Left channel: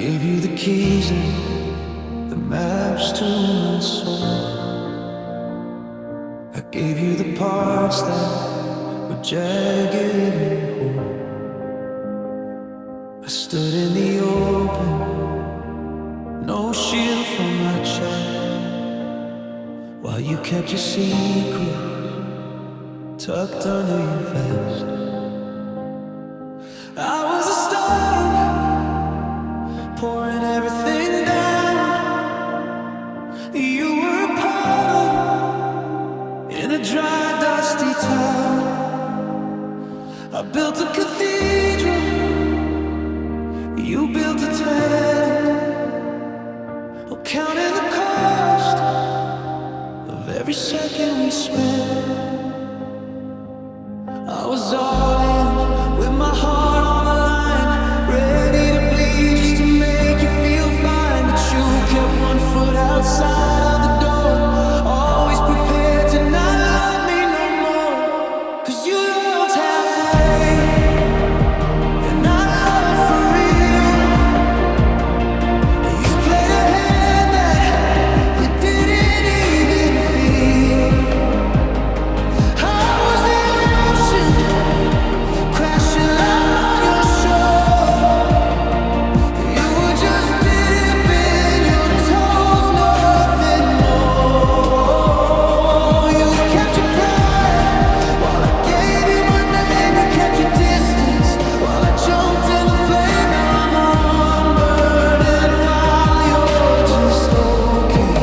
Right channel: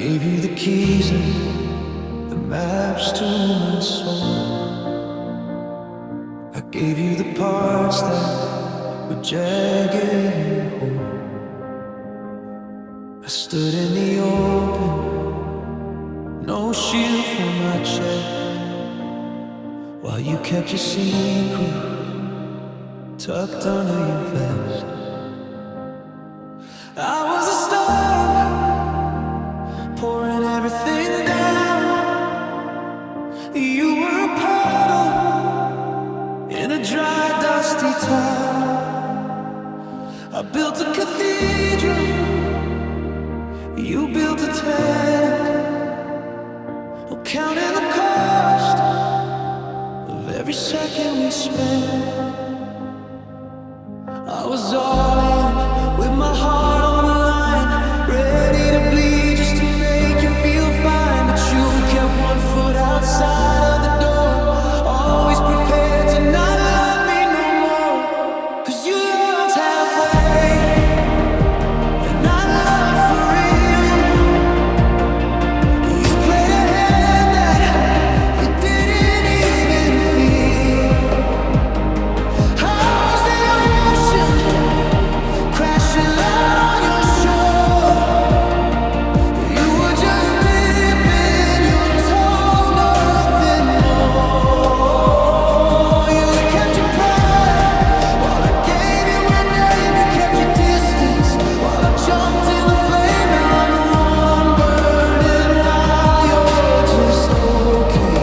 gave you the keys and the maps to my soul. I gave you the parts that were jagged and whole. I stood in the open, no shield for my chest, while you kept your secret tucked under your vest. I was a storm, pouring everything down. You were a puddle in a dry, dusty town. I built a cathedral, you built a tent, counting the cost of every second we spent. I was all in, with my heart on the line, ready to bleed just to make you feel fine. But you kept one foot outside of the door, always prepared to not love me no more. 'Cause you loved halfway, and I loved for real. You played a hand that you didn't even feel. I was the ocean crashing loud on your shore. You were just dipping your toes, nothing more. You kept your pride while I gave you my name. You kept your distance while I jumped in the flame. Now I'm the one burning while you're just okay.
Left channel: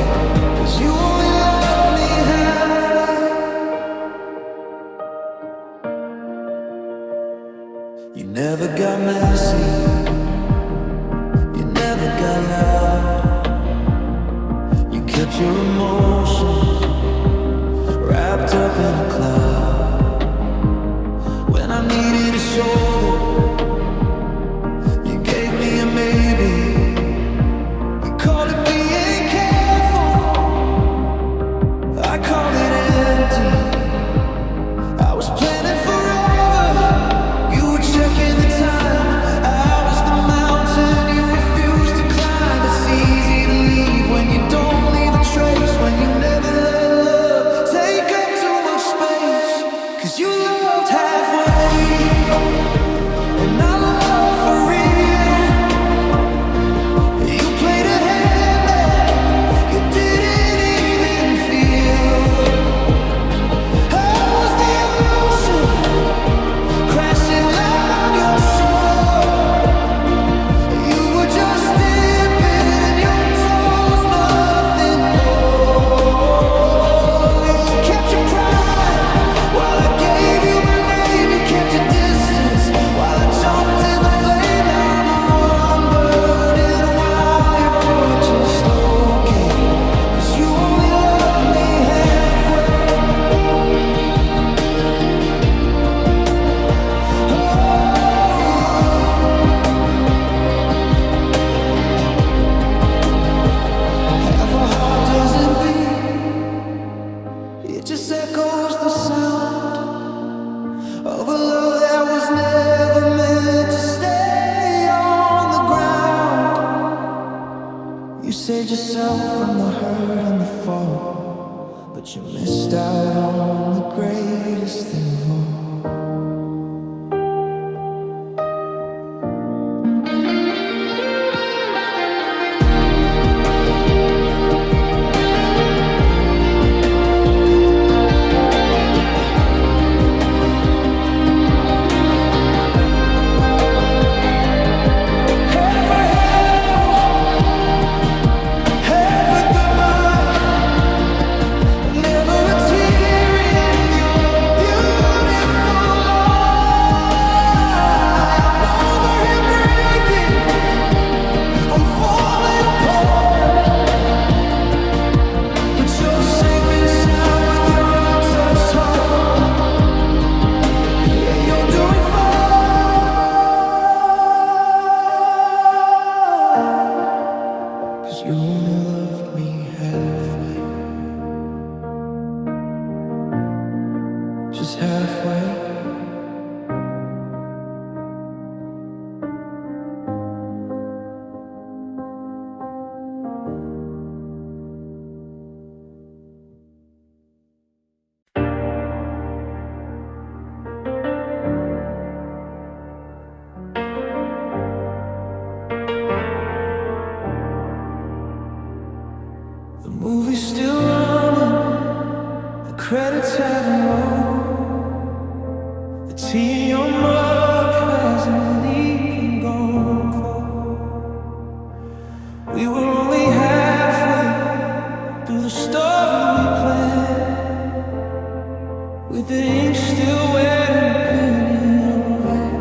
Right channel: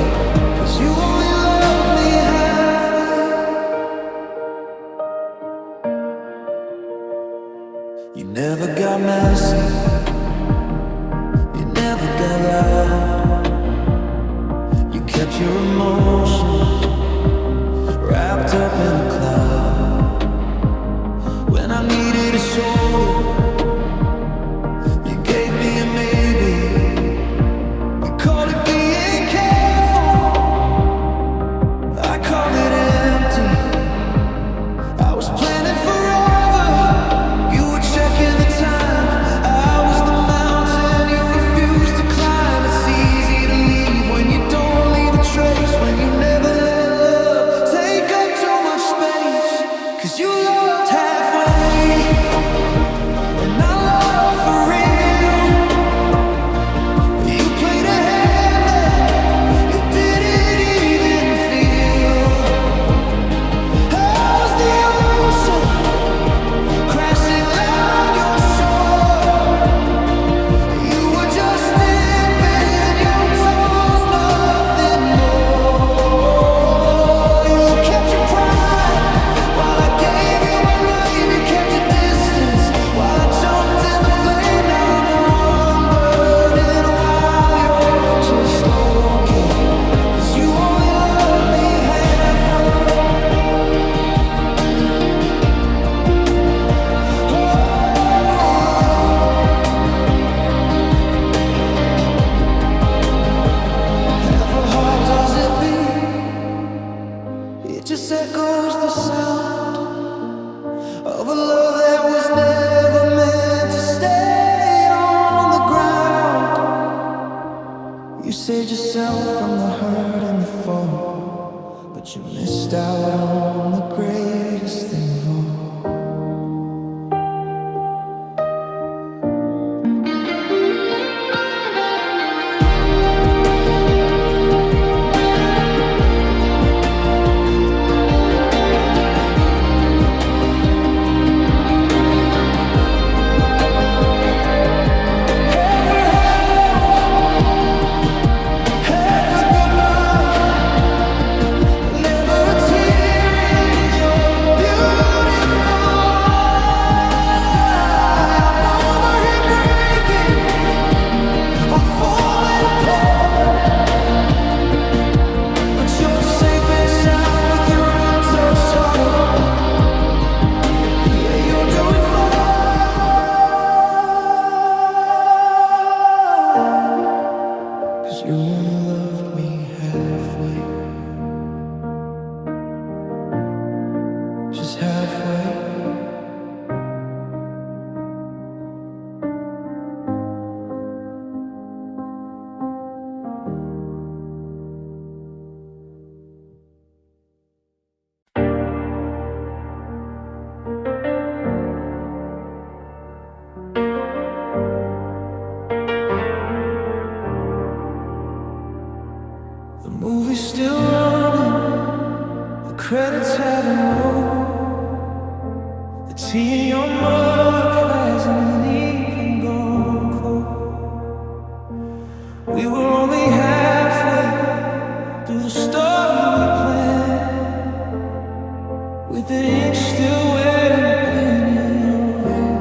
'Cause you only love me halfway. You never got messy, you never got loud. You kept your emotions wrapped up in a cloud. When I needed a shoulder, you gave me a maybe. You called it being careful, I called it empty. I was planning forever, you were checking the time. I was the mountain you refused to climb. It's easy to leave when you don't leave a trace, when you never let love take up too much space. 'Cause you loved halfway, and I loved for real. You played a hand that you didn't even feel. I was the ocean crashing loud on your shore. You were just dipping your toes, nothing more. You kept your pride while I gave you my name. You kept your distance while I jumped in the flame. Now I'm the one burning while you're just okay. 'Cause you only love me halfway. Half a heart doesn't beat, it just echoes the sound of a love that was never meant to stay on the ground. You saved yourself from the hurt and the fall, but you missed out on the greatest thing of all. Half a hello, half a goodbye, never a tear in your beautiful eye. I'm over here breaking, I'm falling apart, but you're safe and sound with your untouched heart. Yeah, you're doing fine. 'Cause you only loved me halfway, just halfway. The movie's still running, the credits haven't rolled. The tea in your mug hasn't even gone cold. We were only halfway through the story we planned, with the ink still wet and the pen in your hand.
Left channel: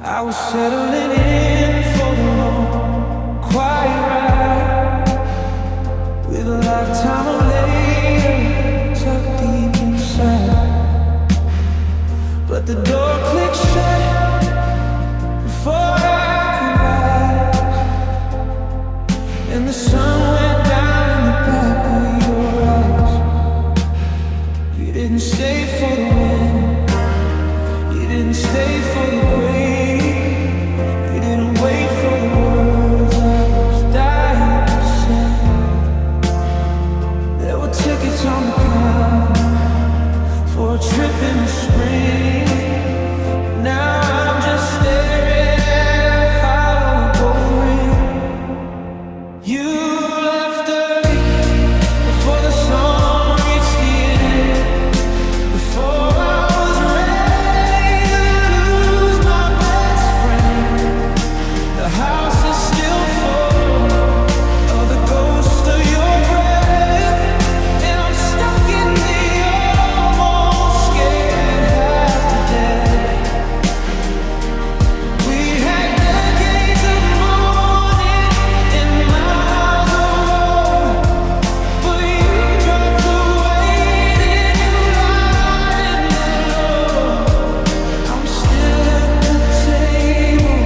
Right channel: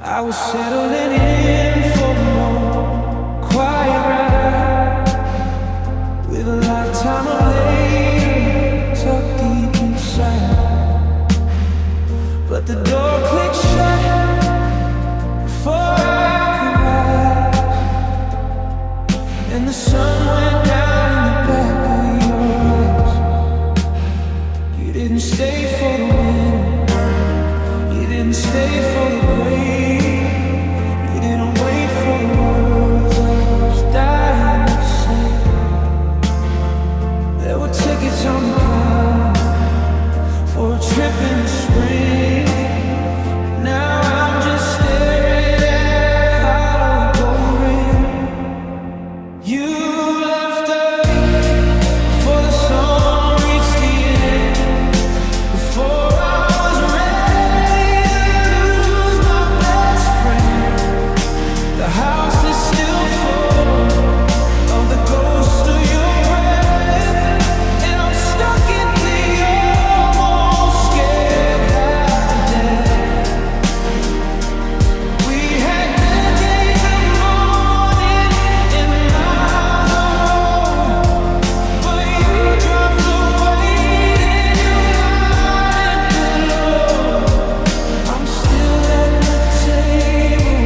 I was settling in for the long, quiet ride, with a lifetime of later tucked deep inside. But the door clicked shut before I could rise, and the sun went down in the back of your eyes. You didn't stay for the win, you didn't stay for the grave, you didn't wait for the words I was dying to say. There were tickets on the counter for a trip in the spring. Now I'm just staring at a hollow gold ring. You left early before the song reached the end, before I was ready to lose my best friend. The house is still full of the ghost of your breath, and I'm stuck in the almost scared half to death. We had decades of mourning and miles of road, but you dropped the weight and you lied in the load. I'm still at the table,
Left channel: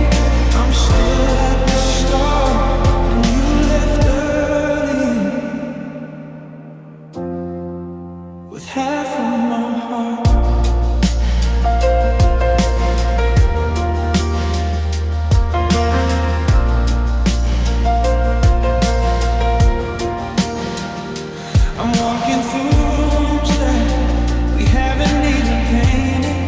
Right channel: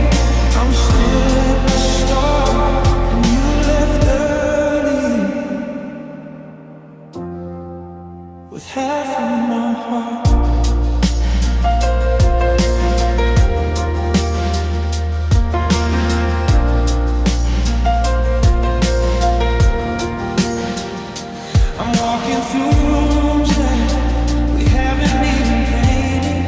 I'm still at the start, and you left early with half of my heart. I'm walking through rooms that we haven't even painted.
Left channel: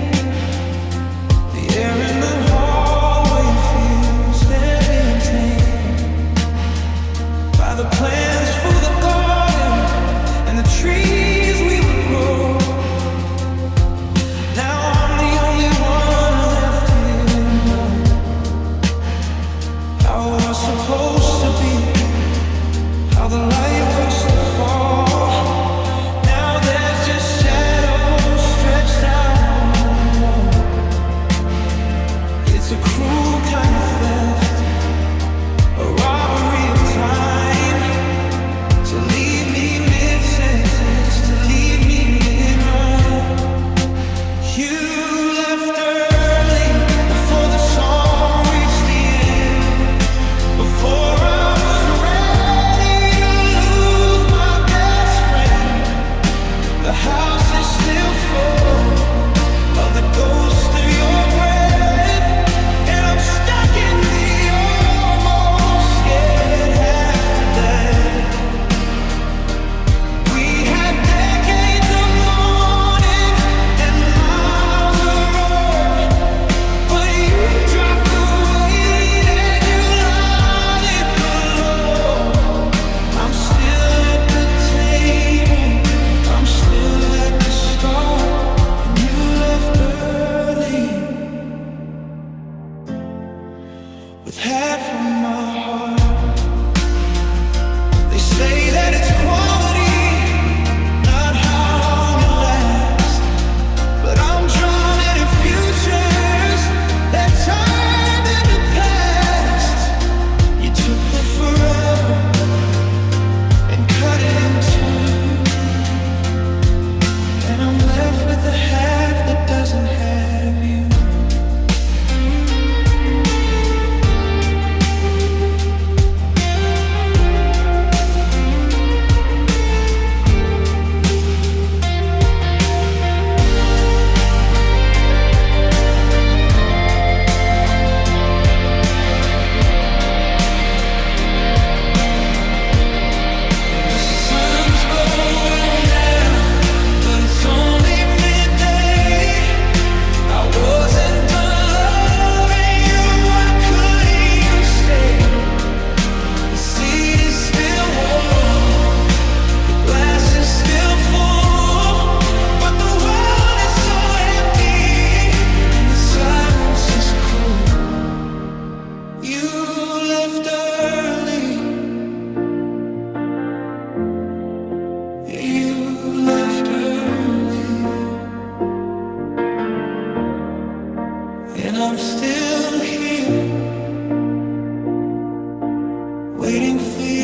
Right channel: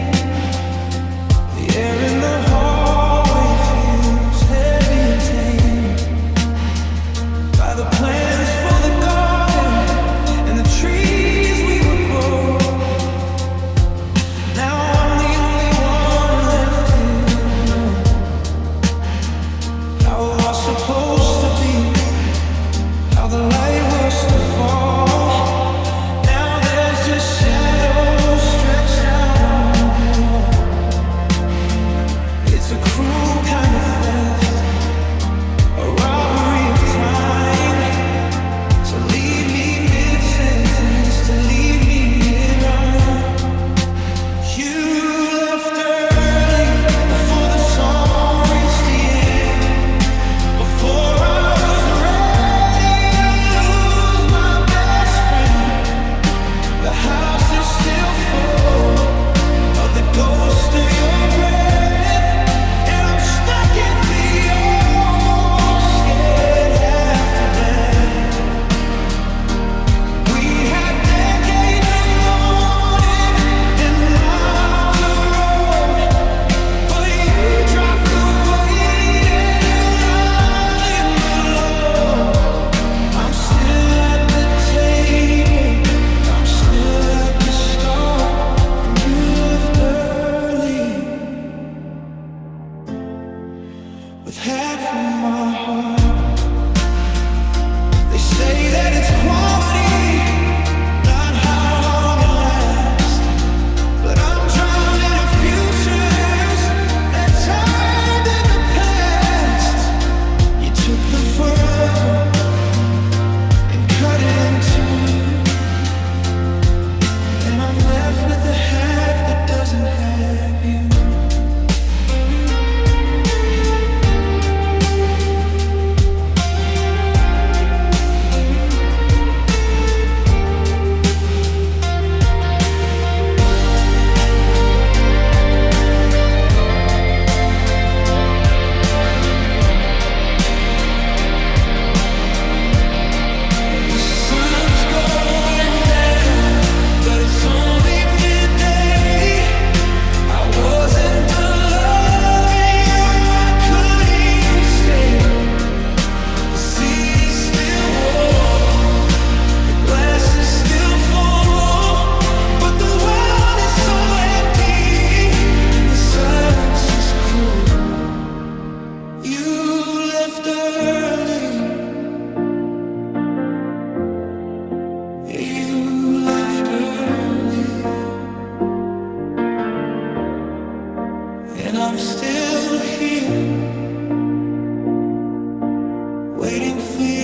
The air in the hallway feels heavy and tainted by the plans for the garden and the trees we would grow. Now I'm the only one left here. How it was supposed to be, how the light was to fall. Now there's just shadows stretched out on the wall. It's a cruel kind of theft, a robbery of time.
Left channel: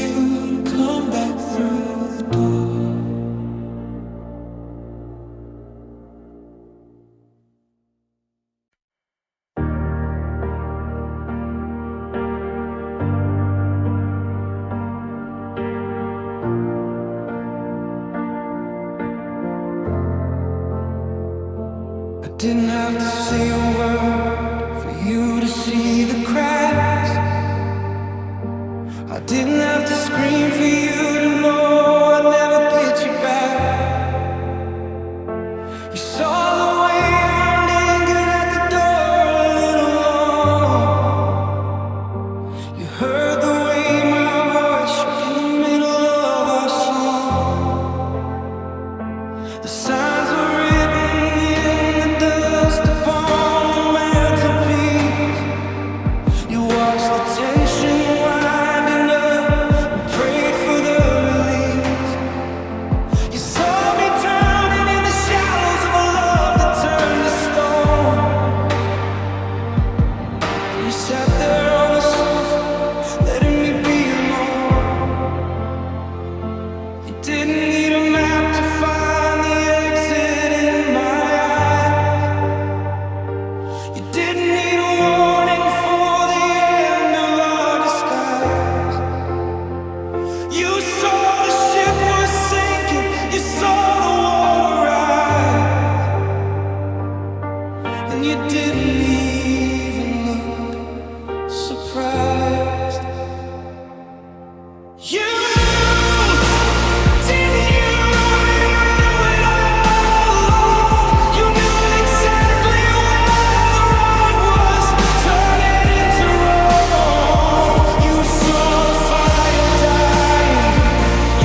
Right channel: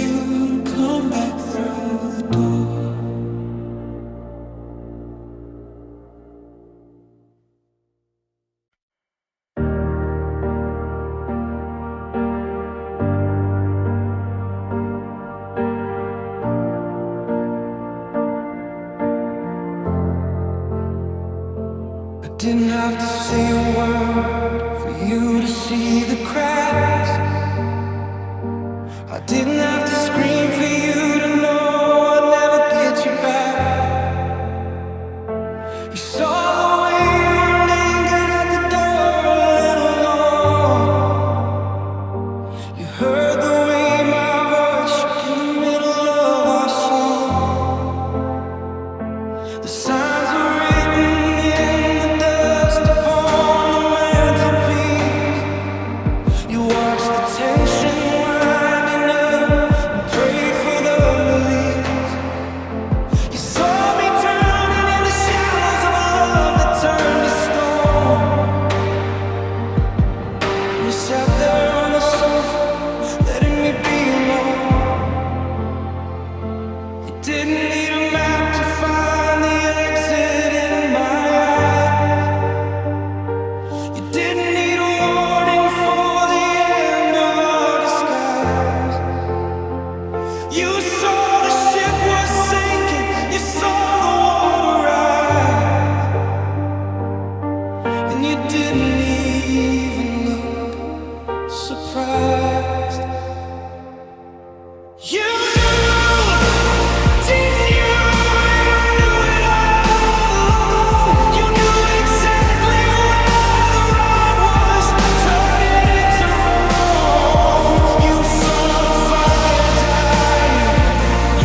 you to come back through the door. Didn't have to say a word for you to see the cracks. I didn't have to scream for you to know I'd never get you back. You saw the way I lingered at the door a little long. You heard the way my voice shook in the middle of our song. The signs were written in the dust upon the mantelpiece. You watched the tension winding up and prayed for the release. You saw me drowning in the shallows of a love that turned to stone. You sat there on the sofa, letting me be alone. You didn't need a map to find the exit in my eyes. You didn't need a warning for the end of our disguise. You saw the ship was sinking, you saw the water rise, and you didn't even look surprised. You knew, didn't you? And I knew it all along. You knew exactly where the right was turning into wrong. You saw the fire dying,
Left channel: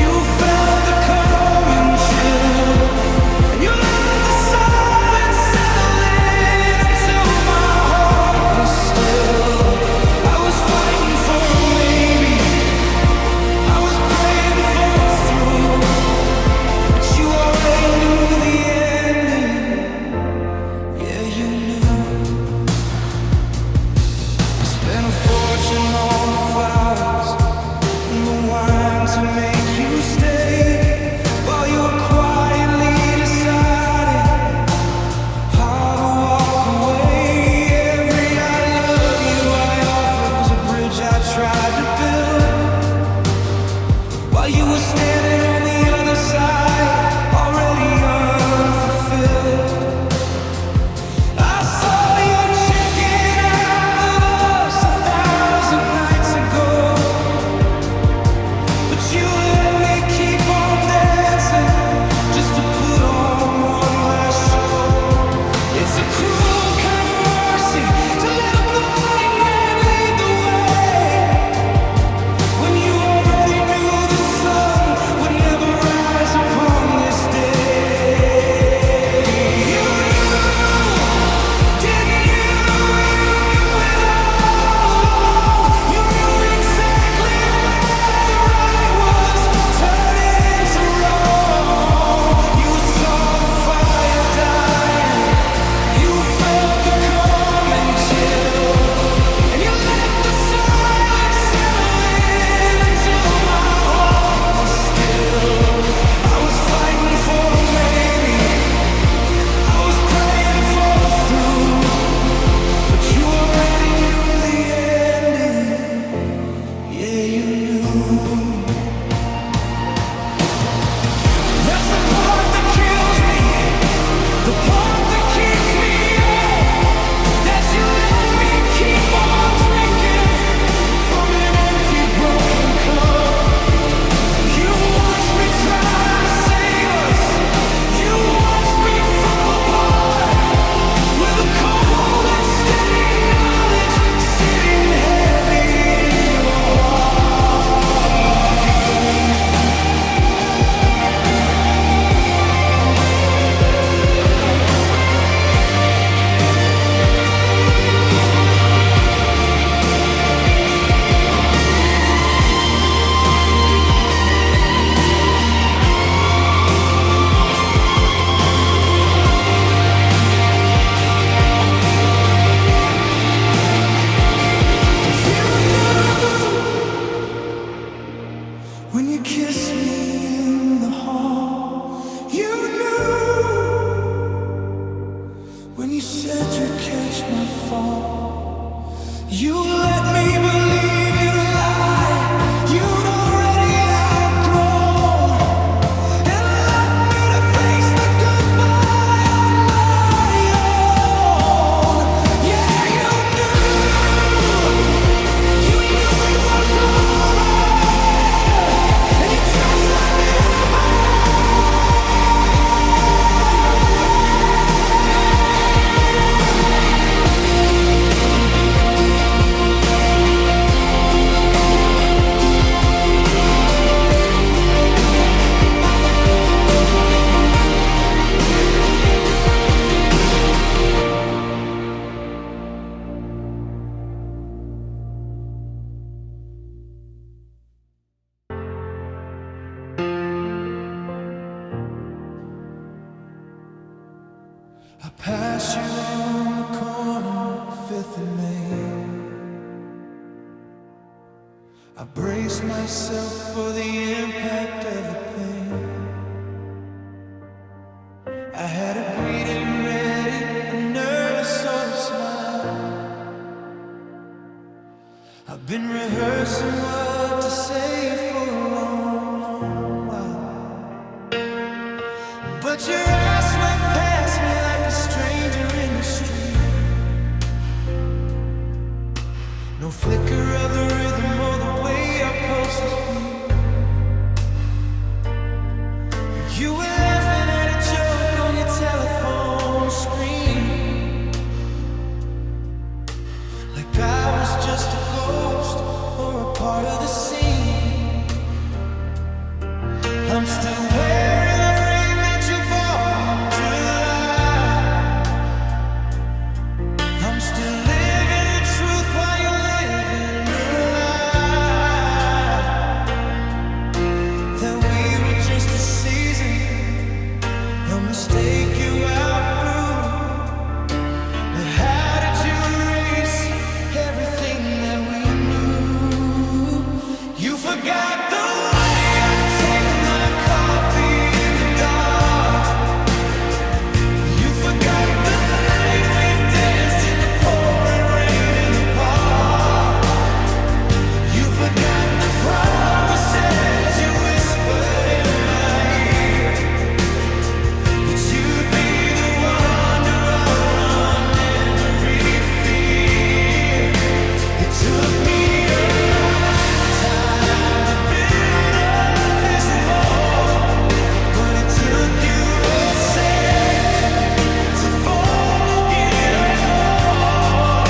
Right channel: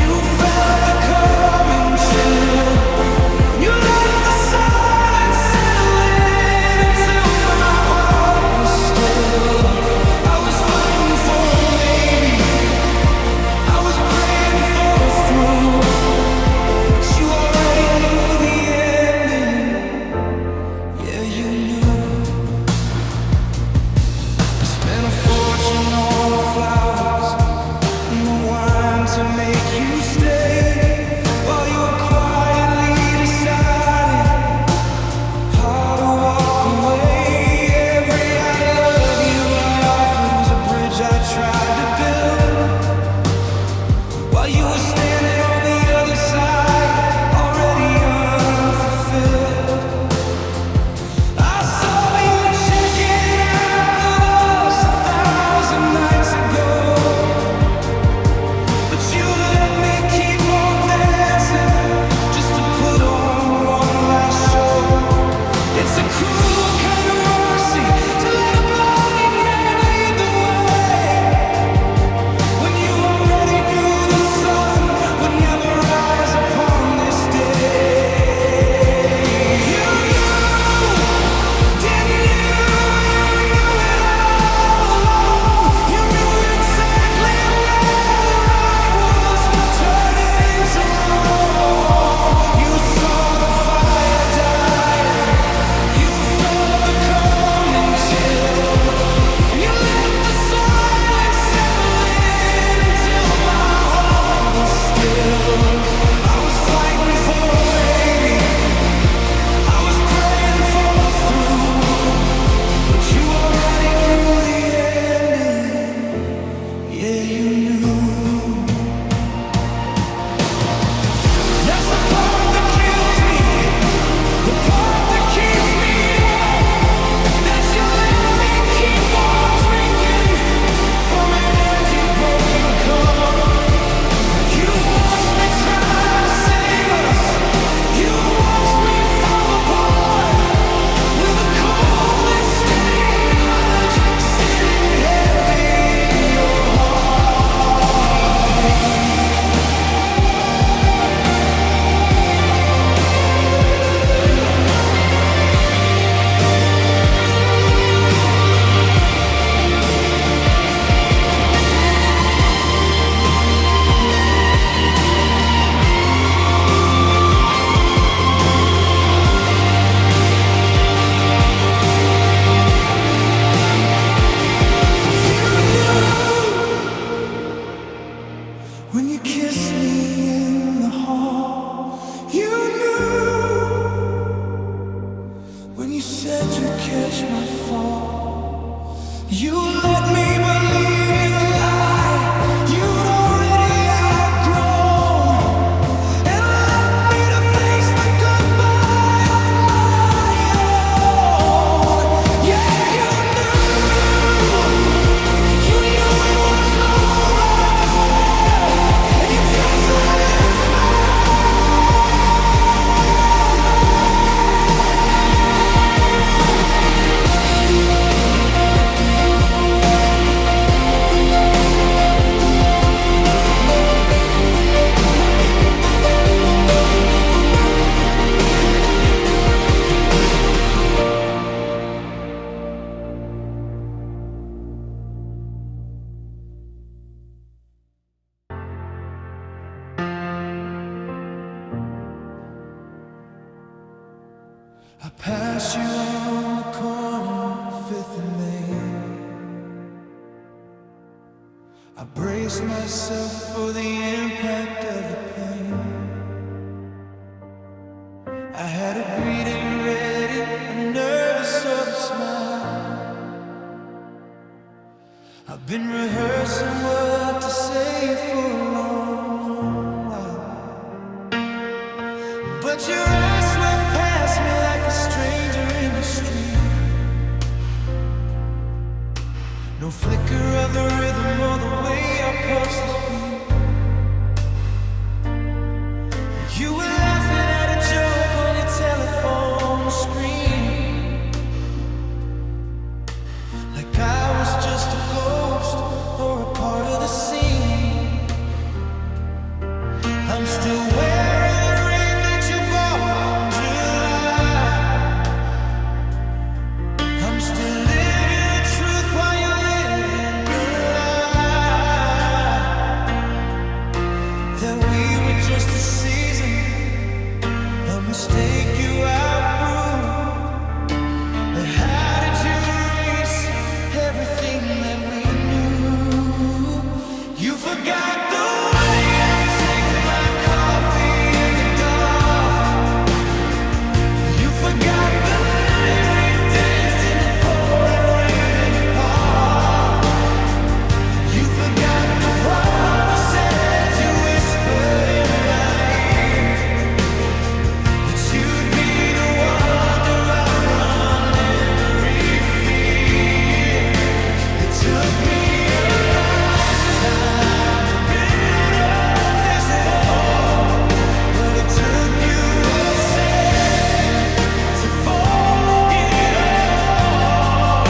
you felt the coming chill, and you let the silence settle in until my heart was still. I was fighting for a maybe, I was praying for a through, but you already knew the ending. Yeah, you knew. I spent a fortune on the flowers and the wine to make you stay, while you were quietly deciding how to walk away. Every I love you I offered was a bridge I tried to build, while you were standing on the other side, already unfulfilled. I saw you checking out of us 1,000 nights ago, but you let me keep on dancing just to put on one last show. It's a cruel kind of mercy to let a blind man lead the way, when you already knew the sun would never rise upon this day. You knew, didn't you? You knew it all along. You knew exactly where the right was turning into wrong. You saw the fire dying, you felt the coming chill, and you let the silence settle in until my heart was still. I was fighting for a maybe, I was praying for a through, but you already knew the ending. Yeah, you knew. That's the part that kills me, the part that keeps me up, that you let me keep on drinking from an empty broken cup. You watched me try to save us, you watched me fall apart, with a cold and steady knowledge sitting heavy in your heart. When you kissed me in the hall, you knew. When you said you'd catch my fall, you let me believe in a lie you'd already outgrown, and left me to face the goodbye on my own. Yeah, you knew it was over, and you just let it happen. I passed you on the corner, 5th and Main. I braced myself for the impact of the pain. I had a greeting ready, a nervous sort of smile. I've been rehearsing what to say for a long, long while, but your eyes swept past me like a stranger in the street. No flicker of the rhythm or the way our pulses beat. You were laughing at a joke on your telephone screen, like I was just a ghost or a part of the scene. I'm still wearing the ring that you bought in July. I'm still living the truth while you're living the lie, that we were just a season, a mistake you outgrew. But how did you erase everything that we knew? You forgot the way I take my coffee in the dark. You forgot the night we danced in the pouring rain in the park. You forgot the promises you whispered in my ear, that you'd be the one to outrun every fear. It took me a lifetime to build up this wall, but it took you a second to forget it all.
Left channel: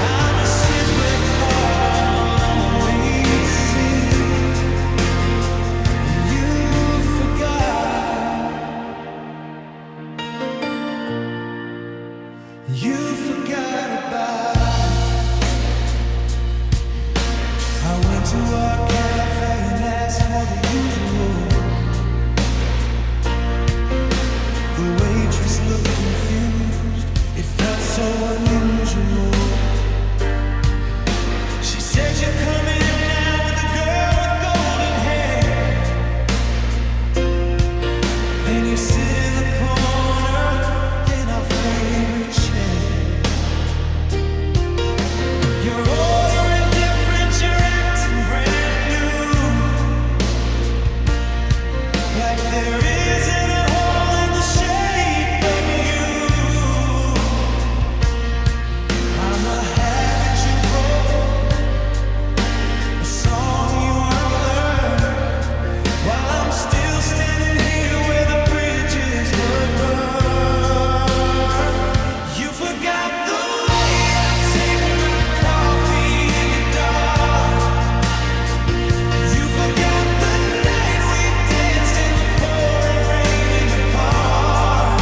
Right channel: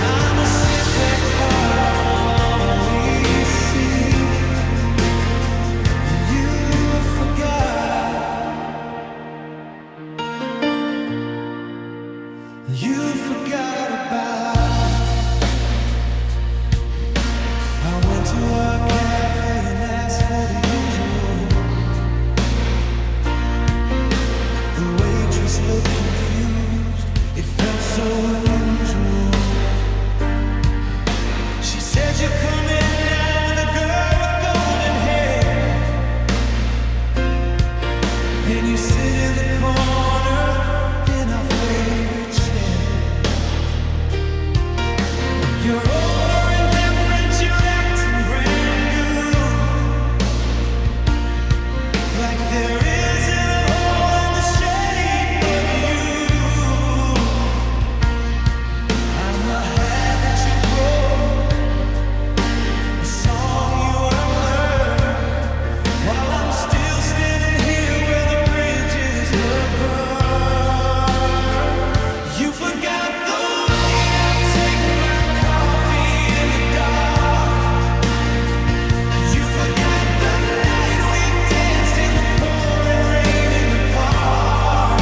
I'm a shipwrecked heart on a lonely sea, and you forgot. You forgot about. I went to our cafe and asked for the usual. The waitress looked confused, it felt so unusual. She said, "You come in now with a girl with golden hair, and you sit in the corner in our favorite chair. You're ordering different, you're acting brand new, like there isn't a hole in the shape of you. I'm a habit you broke, a song you unlearned, while I'm still standing here where the bridges were burned. You forgot the way I take my coffee in the dark. You forgot the night we danced in the pouring rain in the park.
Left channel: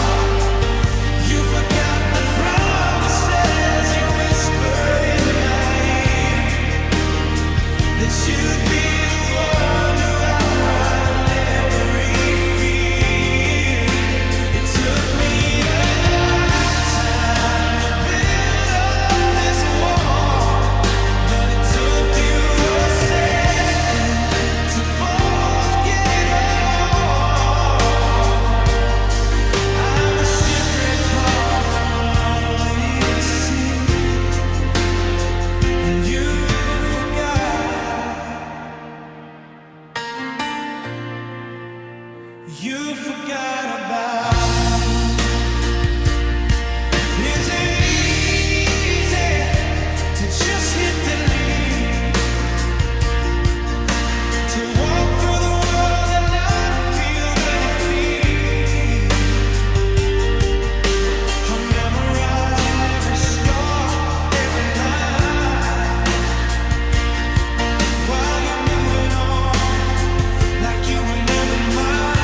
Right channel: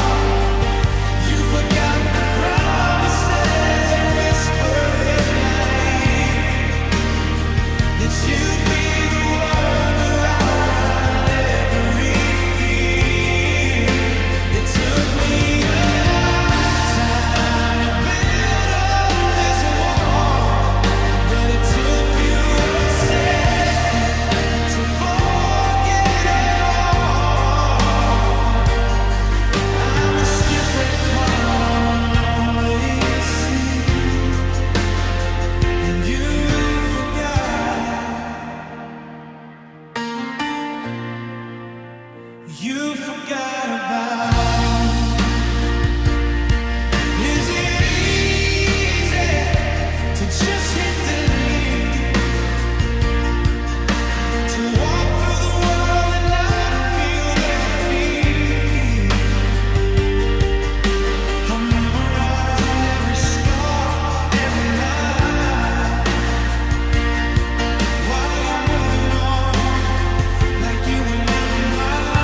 You forgot the promises you whispered in my ear, that you'd be the one to outrun every fear. It took me a lifetime to build up this wall, but it took you a second You forgot about me. Is it easy to just hit delete? To walk through the world and not feel the defeat? I'm memorizing every scar, every line, while you're moving on like you were never mine.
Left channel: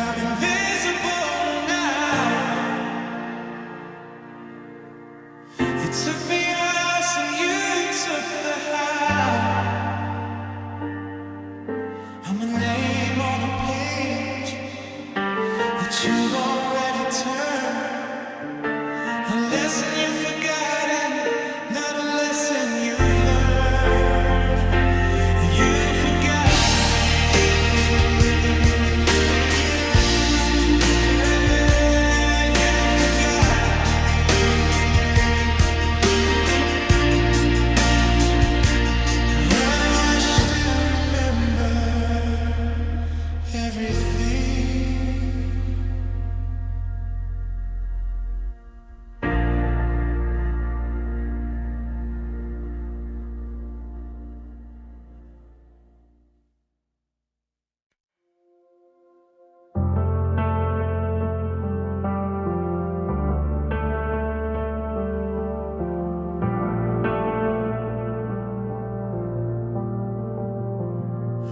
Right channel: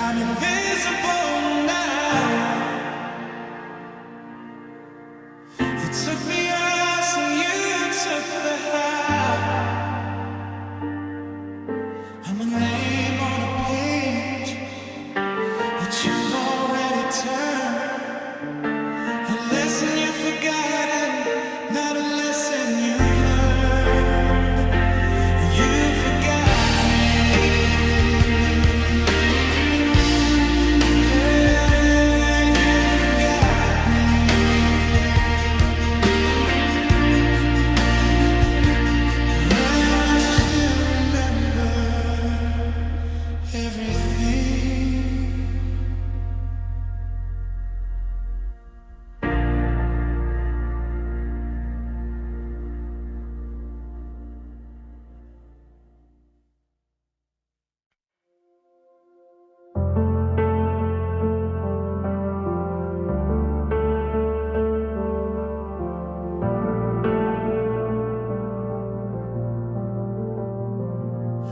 I'm invisible now. You took the us and you took the how. I'm a name on a page that you've already turned. A lesson you've forgotten, not a lesson you've learned. You forgot.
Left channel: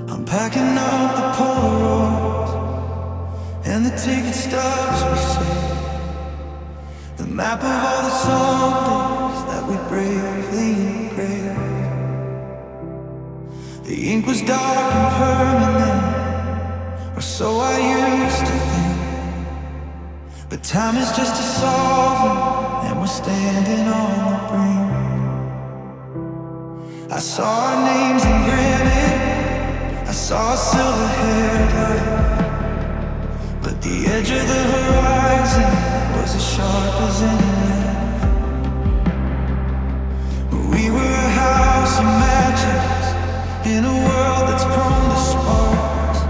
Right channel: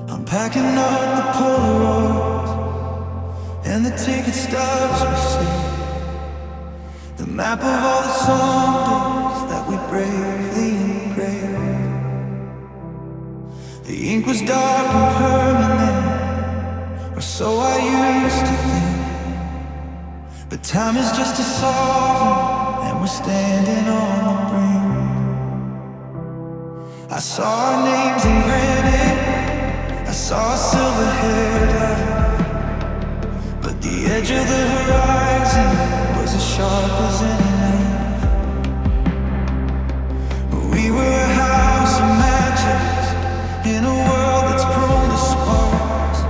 I'm packing up the Polaroids and the ticket stubs we saved, the map of all the somedays that we bravely engraved. The ink was dark and permanent, or so I used to think. But time is just a solvent, and we're standing on the brink. I saw our names in granite, I saw a silver-haired light, but the edge of the horizon was as sharp as any knife. We were a house of matches in a world that's prone to sparks,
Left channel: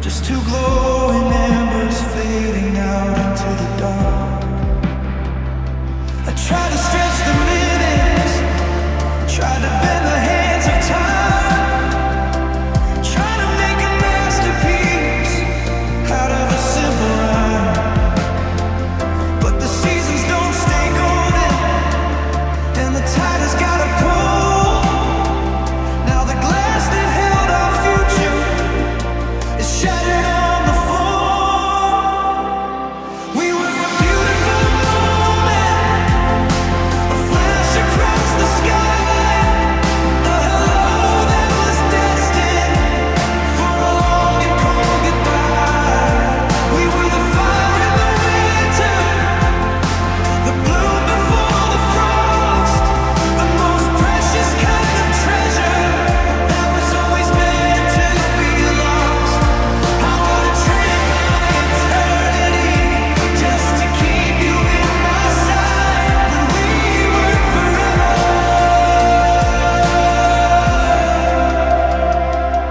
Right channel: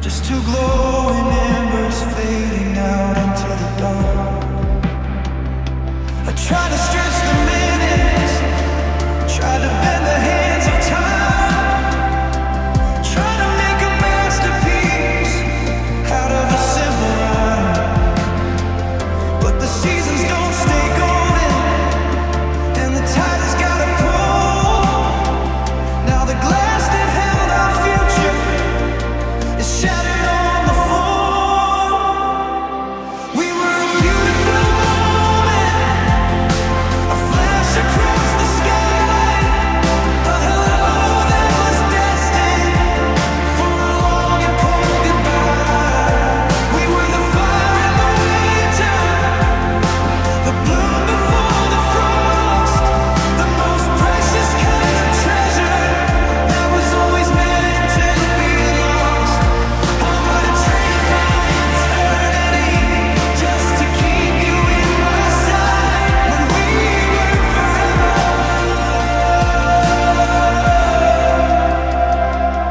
just two glowing embers fading out into the dark. I tried to stretch the minutes, tried to bend the hands of time, trying to make a masterpiece out of a simple rhyme. But the seasons don't stay golden, and the tide has gotta pull. Now the glass that held our future is shattered on the floor. We were a beautiful moment, a flash across the sky, a hello that was destined for a long and cold goodbye. We were the fire in the winter, the bloom before the frost, the most precious kind of treasure that was always meant to be lost. I would have traded my eternity just to keep you in my sight, but we weren't forever.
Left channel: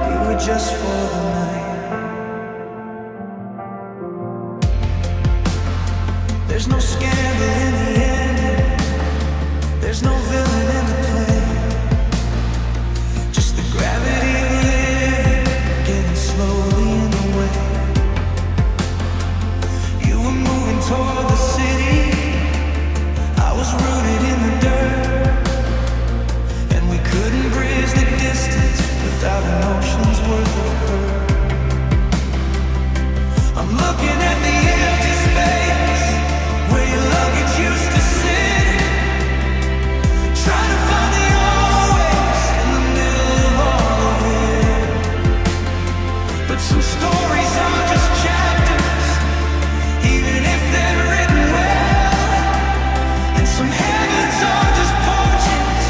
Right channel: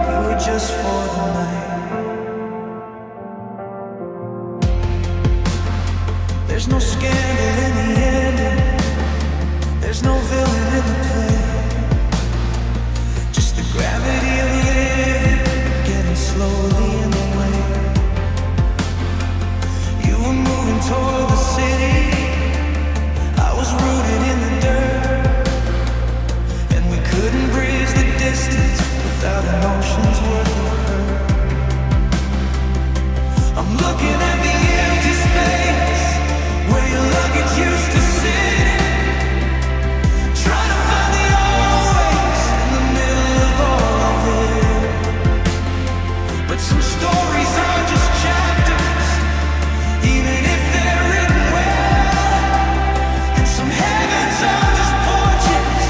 We were just for the night. There's no scandal in the ending, there's no villain in the play, just the gravity of living getting slowly in the way. You were moving toward the city, I was rooted in the dirt, and we couldn't bridge the distance without an ocean's worth of hurt. I'm looking at the empty space where your luggage used to sit, trying to find the always in the middle of all of it. But some stories are just chapters, even if they're written well, and some heavens are just porches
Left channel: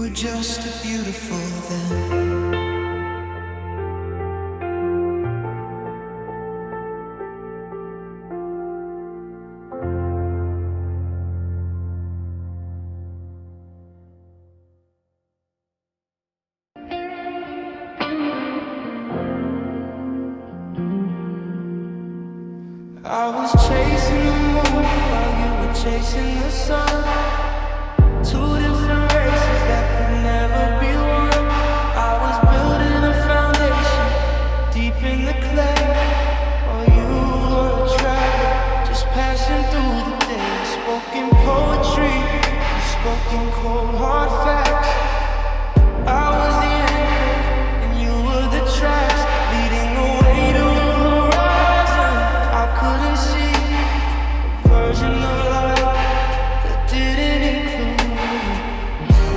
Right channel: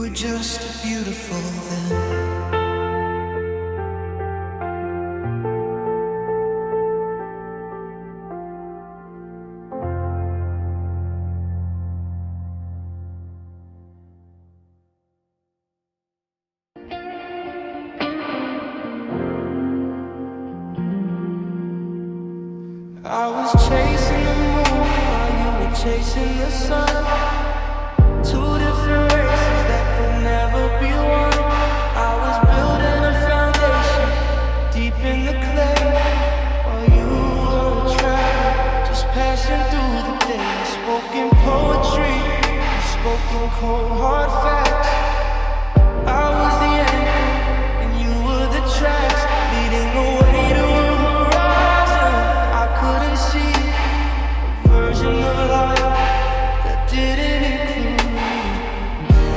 were just as beautiful then. I was chasing the moon while you were chasing the sun. Two different races that could never be one. I was building a foundation deep in the clay, while you were a traveler just passing through the day. You spoke in poetry, you spoke in cold hard facts. I was the anchor and you were the tracks, leading away to a horizon I couldn't see, a version of life that didn't include me.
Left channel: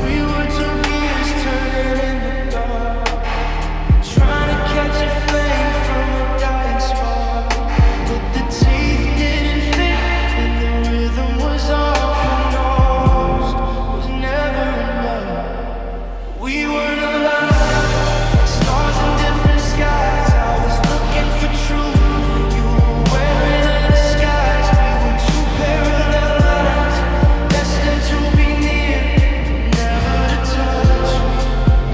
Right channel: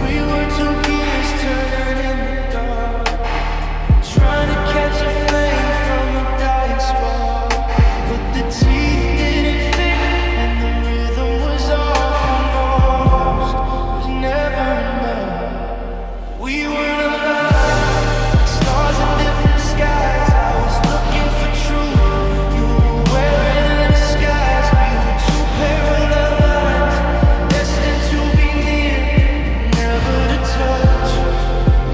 We were two gears turning in the dark, trying to catch a flame from a dying spark. But the teeth didn't fit and the rhythm was off, and almost was never enough. We weren't aligned, like stars in different skies. I was looking for truth, you were wearing a disguise. We were two parallel lines, destined to be near, but never to touch.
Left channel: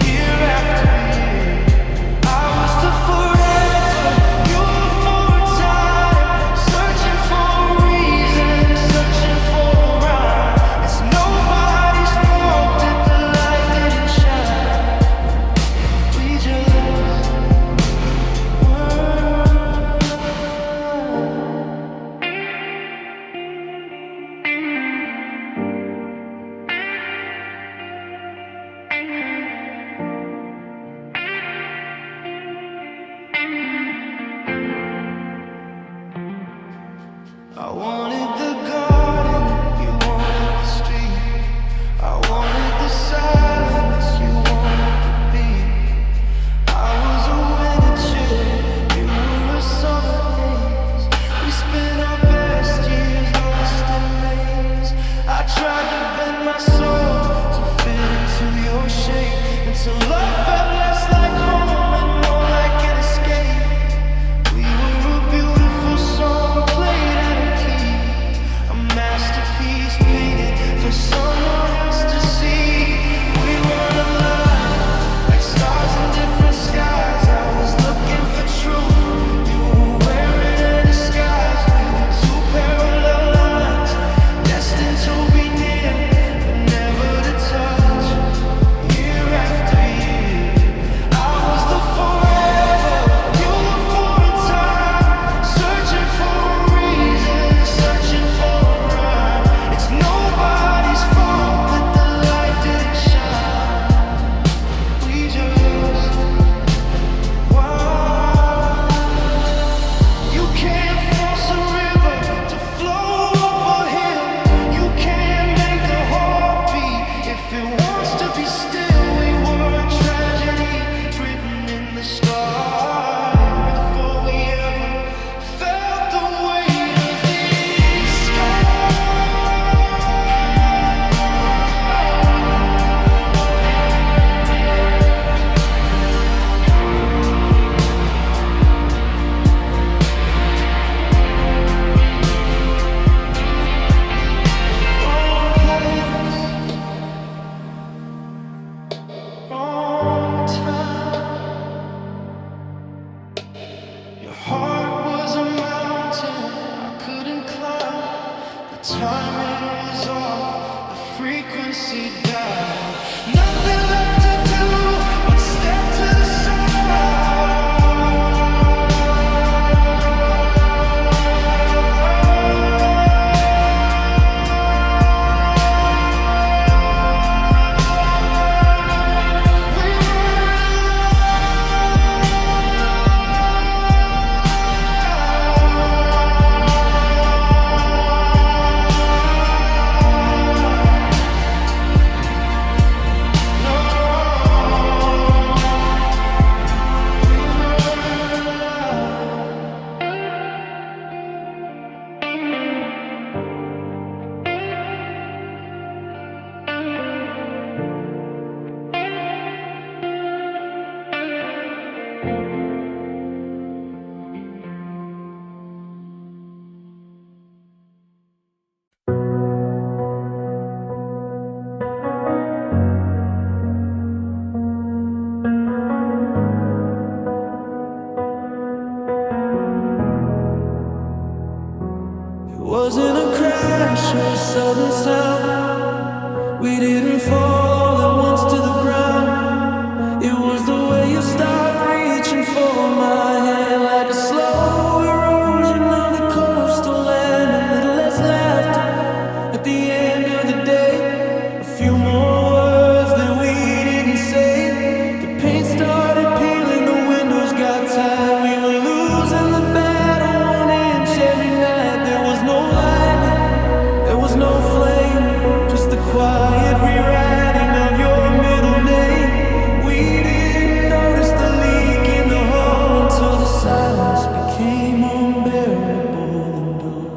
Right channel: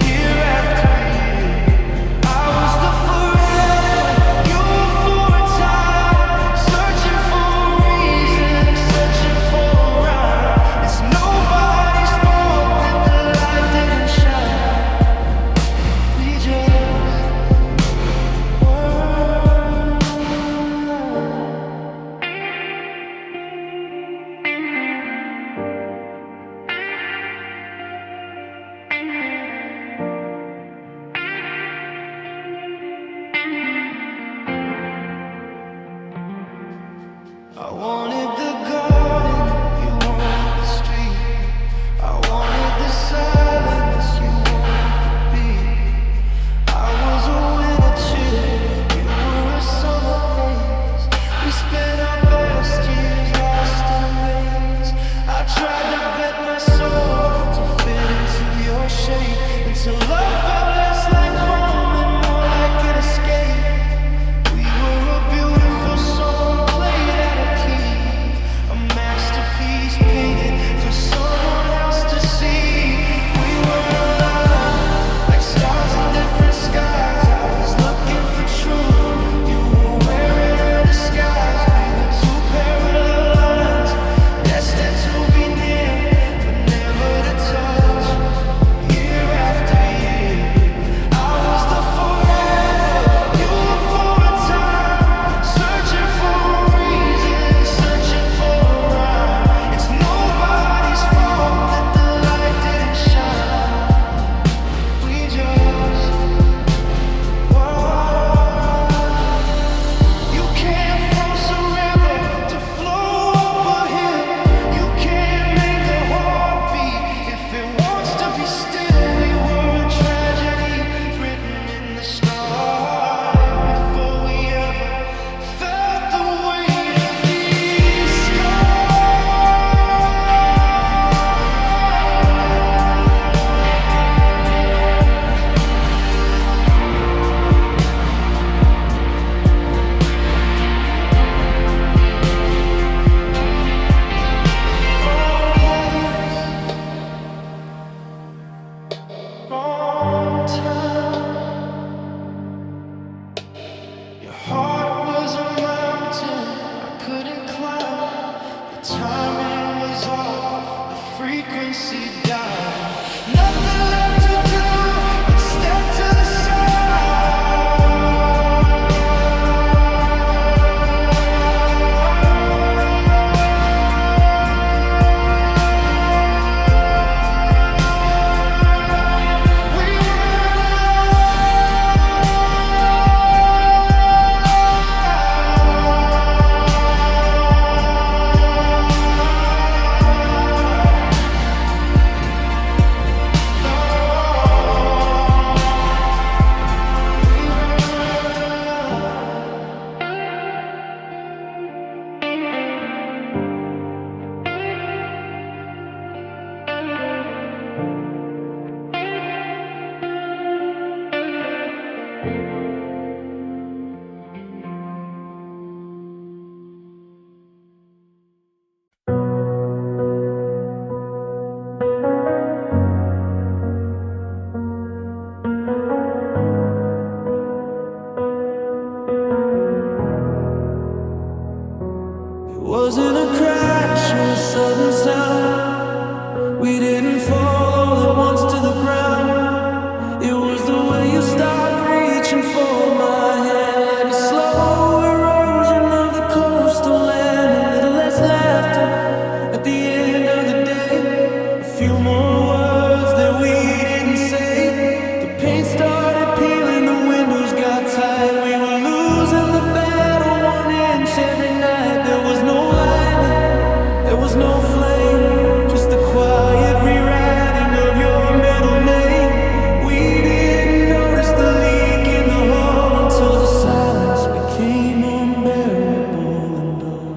Year after year, I was the forever, you were for a time, searching for a reason, searching for a rhyme. It's nobody's fault that the light didn't shine. We just weren't alive. I wanted the garden, you wanted the street. I wanted the silence, you wanted the beat. I was a winter chill, you were a summer haze. We spent our best years lost in a maze. I tried to bend my soul to fit into your shape, until love felt less like home and more like an escape. We were a beautiful song played out of key, a masterpiece painted for someone else to see. We weren't alive, like stars in different skies. I was looking for truth, you were wearing a disguise. We were two parallel lines, destined to be near, but never to touch. Year after year, I was the forever, you were for a time, searching for a reason, searching for a rhyme. It's nobody's fault that the light didn't shine. We just were. You can't force a river to flow up a hill. You can't make a heart beat if it wants to be still. We were a tragedy written in the stars before we ever felt the weight of these scars. Wrong place, wrong time. Your heart was a mountain I couldn't climb. The timing was off, the frequency died. Nothing left to do but step to the side. We weren't alive. No. wasn't a crash or a sudden sound. We didn't fall all at once to the ground. It was the way you stopped reaching for my hand, like a slow erosion of the coastal land. A little less laughter at the end of the day, a few more words that we didn't say. The paint started peeling, the windows got tight. We were losing the battle 1 inch every night. There was no lightning, there was no flame, just the quiet rewriting of your middle name. We didn't notice the leak in the hull until the silence became unbearable and dull.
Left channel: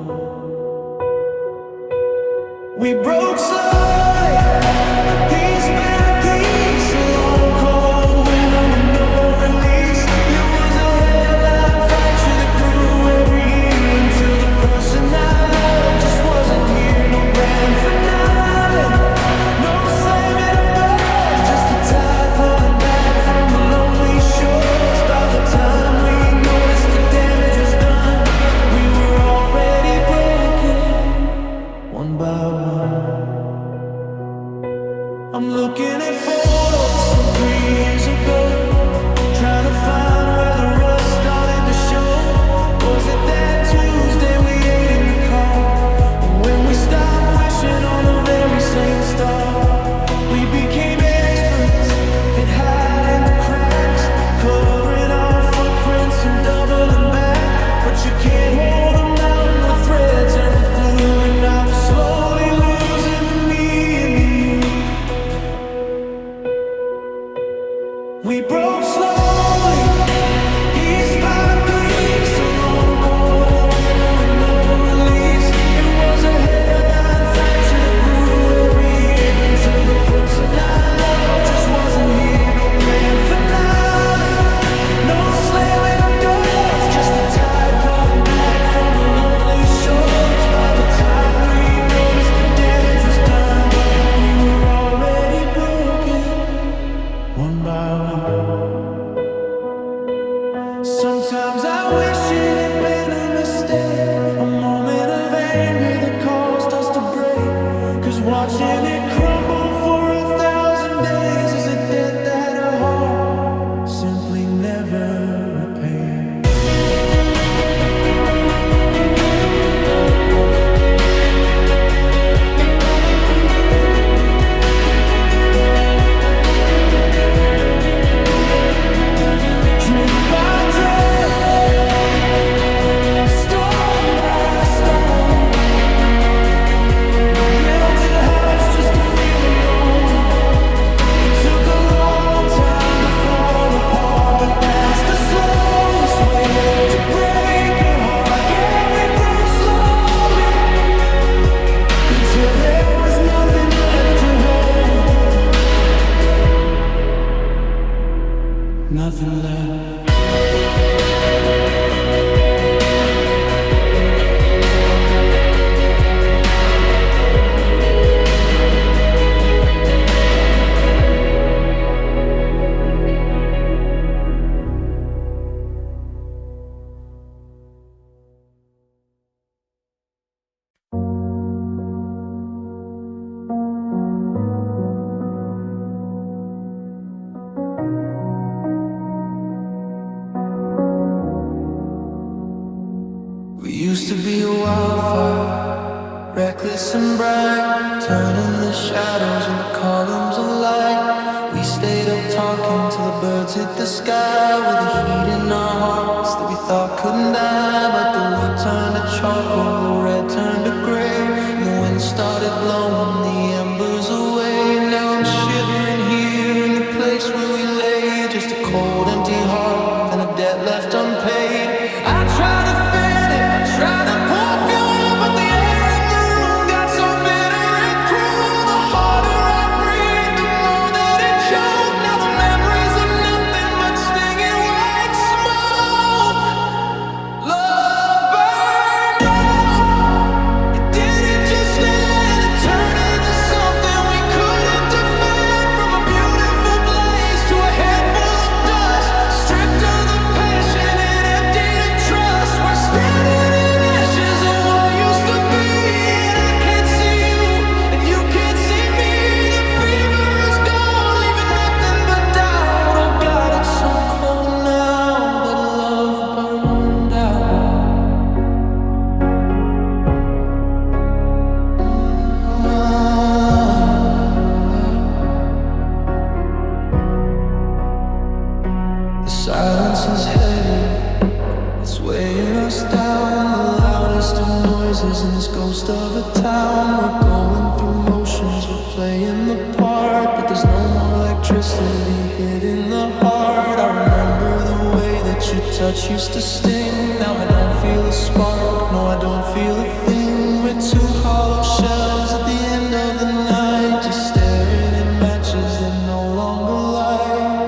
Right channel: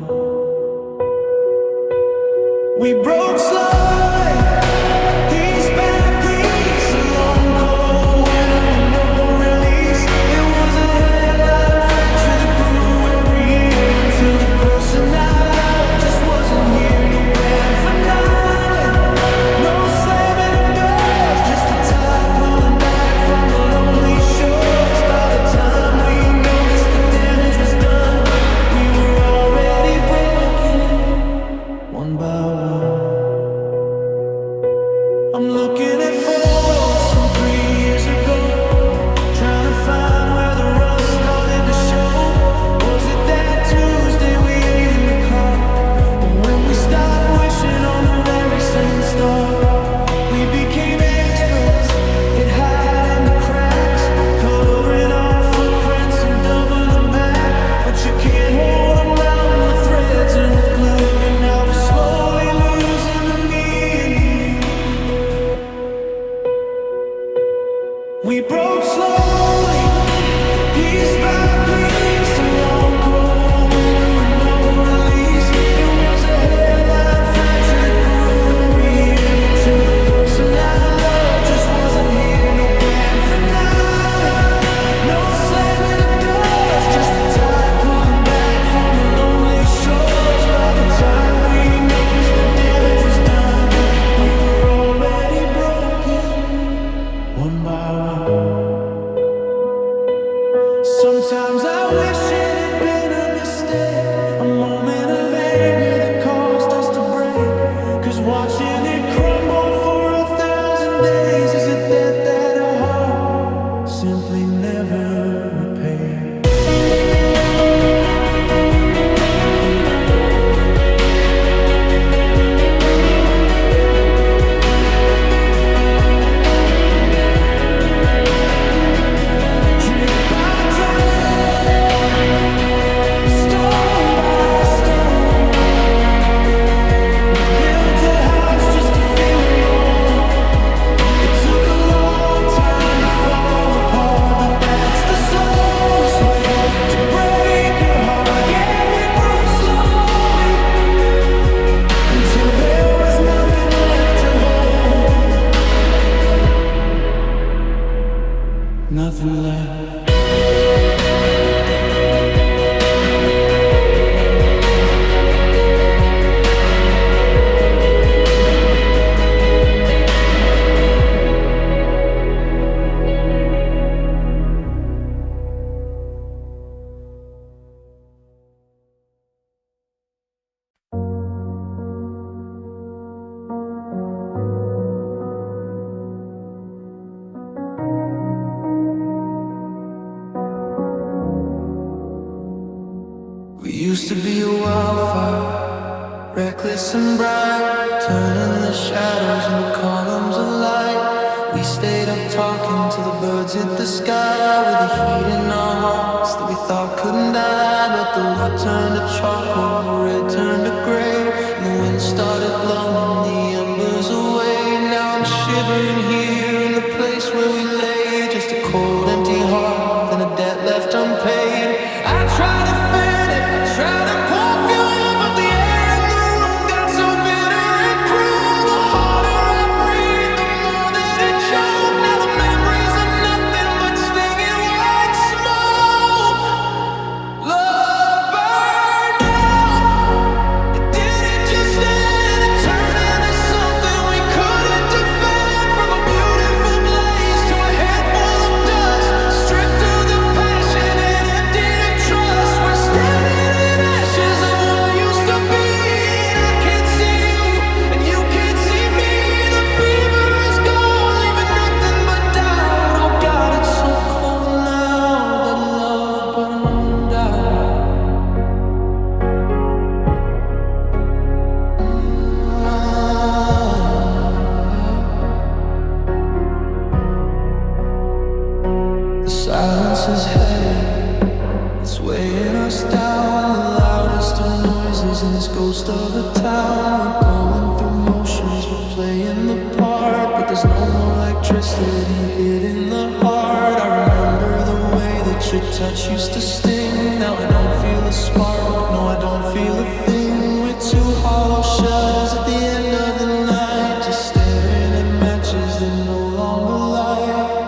We broke slowly, piece by piece, a long cold winter with no release. It was a hairline fracture that grew every year until the person I loved just wasn't here. No grand finale, no slamming of doors, just the tide pulling back from the lonely shores. By the time we noticed the damage was done, we were already broken, one by one. I'm looking at photos from 3 years ago, trying to find where the rust started to show. Was it that Tuesday we ate in the car, or when we stopped wishing on the very same star? We became experts at hiding the cracks, covering our footprints and doubling back. But you can't hold a mountain with threads and with glue, and I was slowly losing the me and the you. We broke slowly, piece by piece, a long cold winter with no release. It was a hairline fracture that grew every year until the person I loved just wasn't here. No grand finale, no slamming of doors, just the tide pulling back from the lonely shores. By the time we noticed the damage was done, we were already broken, one by one. Sometimes I wish it had been a mistake, a moment of anger that caused us to break. 'Cause watching it crumble for 1,000 days is a debt that a heart simply never repaid. Drip by drip, stone by stone, we built a house just to feel alone. It took a long time to fall apart, but that's the slowest way to break a heart. Yeah, we broke slowly until there was nothing left to hold, nothing left. We used to be a wildfire, reckless and bright, turning the shadows into columns of light. We stayed up talking till the birds hit the sky, with the heat in our hearts that we thought couldn't die. But the wood turned to charcoal, the red turned to gray, and the wind started blowing the embers away. Now I'm shivering here in the place where we lay, just a cold empty heart and a debt left unpaid. I try to fan it, I try to pour fuel, but the air in the room got so bitter and cruel. The harder I breathe, the more that it choked. Now the memories are nothing but stinging white smoke. Love burned out, it didn't just end, it turned into something we couldn't defend. From a beautiful blaze to a handful of dust, stripped of the passion and emptied of trust. We're still house is heavy, it's weighing us down. The loudest of noises in this ghost of a town. We're going through motions, we're playing the part, but there's no more electricity hitting the heart. I remember the way that your touch used to sting. Now I don't feel a spark, no I don't feel a thing. We're two hollow shells at the end of the night, just staring at matches that no longer light.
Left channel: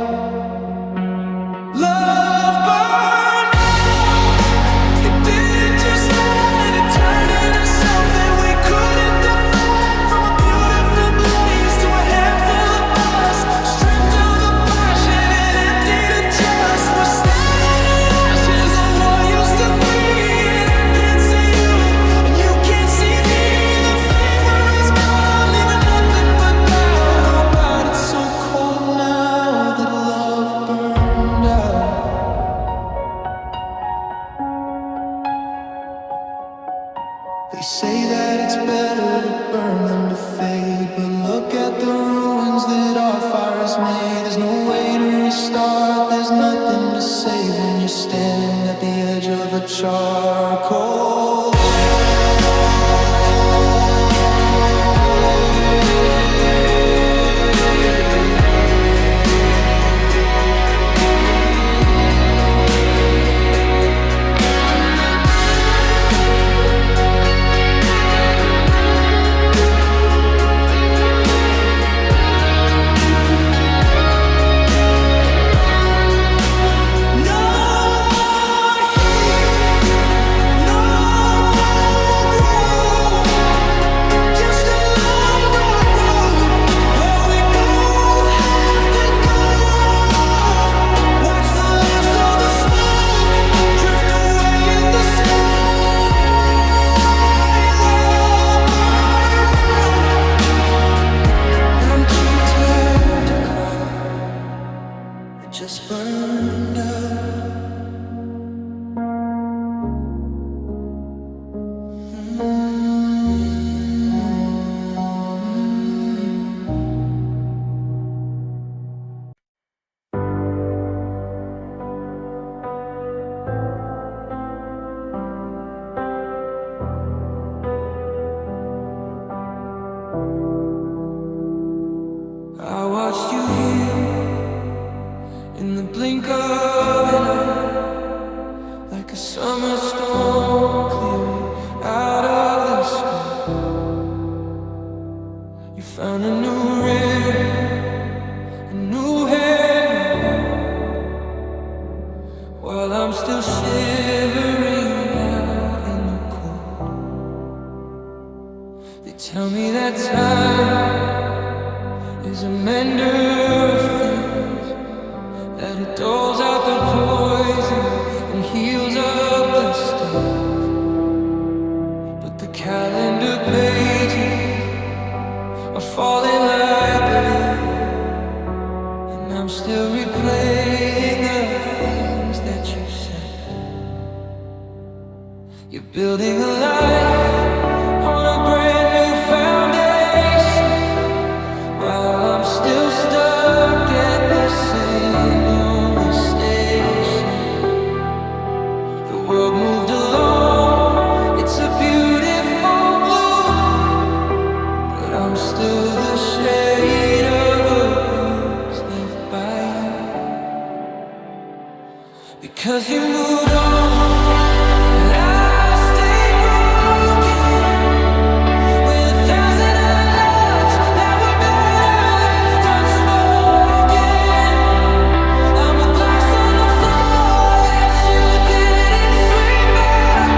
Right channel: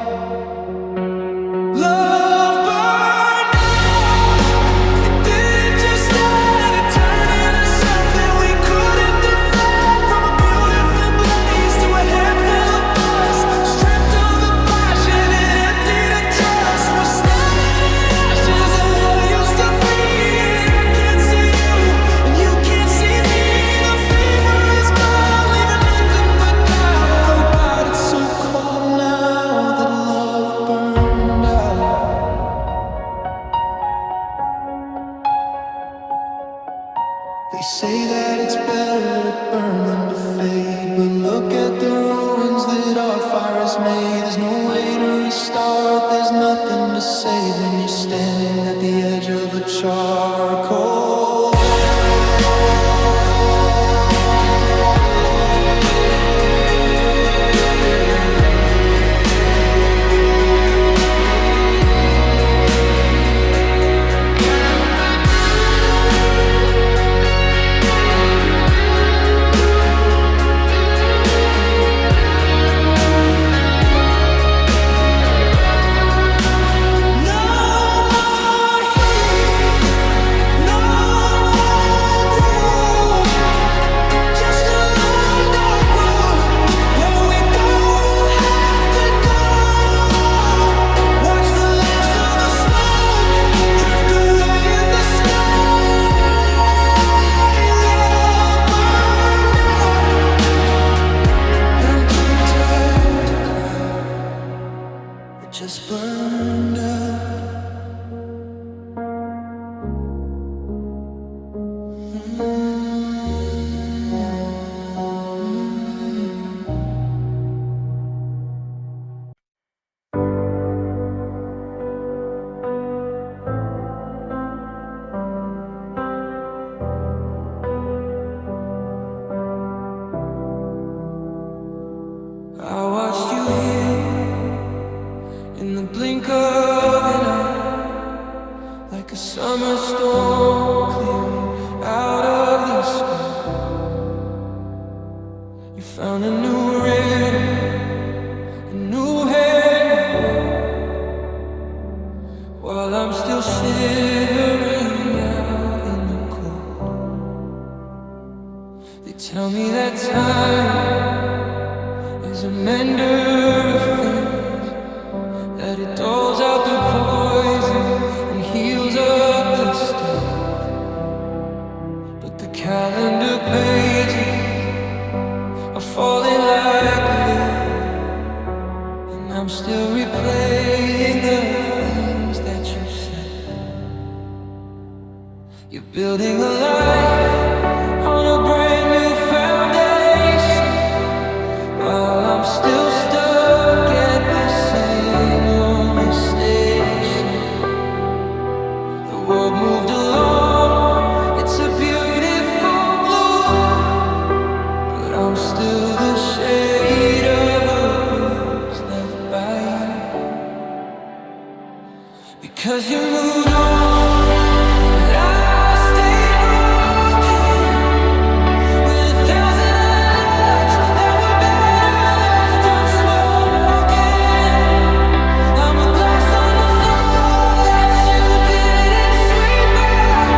Love burned out, it didn't just end, it turned into something we couldn't defend. From a beautiful blaze to a handful of dust, stripped of the passion and emptied of trust. We're standing in ashes of what used to be, and I can't see you and you can't see me. The fever is gone, leaving nothing but doubt. Oh God, it's so cold now that love burned out. They say that it's better to burn than to fade, but look at the ruins that our fire has made. There's no way to restart, there's nothing to save when you're standing at the edge of a charcoal flame. Just burned out. I watched you heal in the blink of an eye, like a summer storm clearing out of the sky. You found a new rhythm, a new hand to hold, while I'm still shivering out in the cold. They tell me that time is a mender of things, that it doles out the poison and heals up the stains. But the calendar pages are falling like a leaf, and I'm still replaying the things that you said. You're building a life on a brand new foundation, while I'm still stuck at the same lonely station. The world moved along, it's a beautiful blue, but I'm still the shade of a bruise left by you. Because you moved on, but I stayed broken, with 1,000 loves that were better left unspoken. I'm a glass on the floor that you didn't sweep up,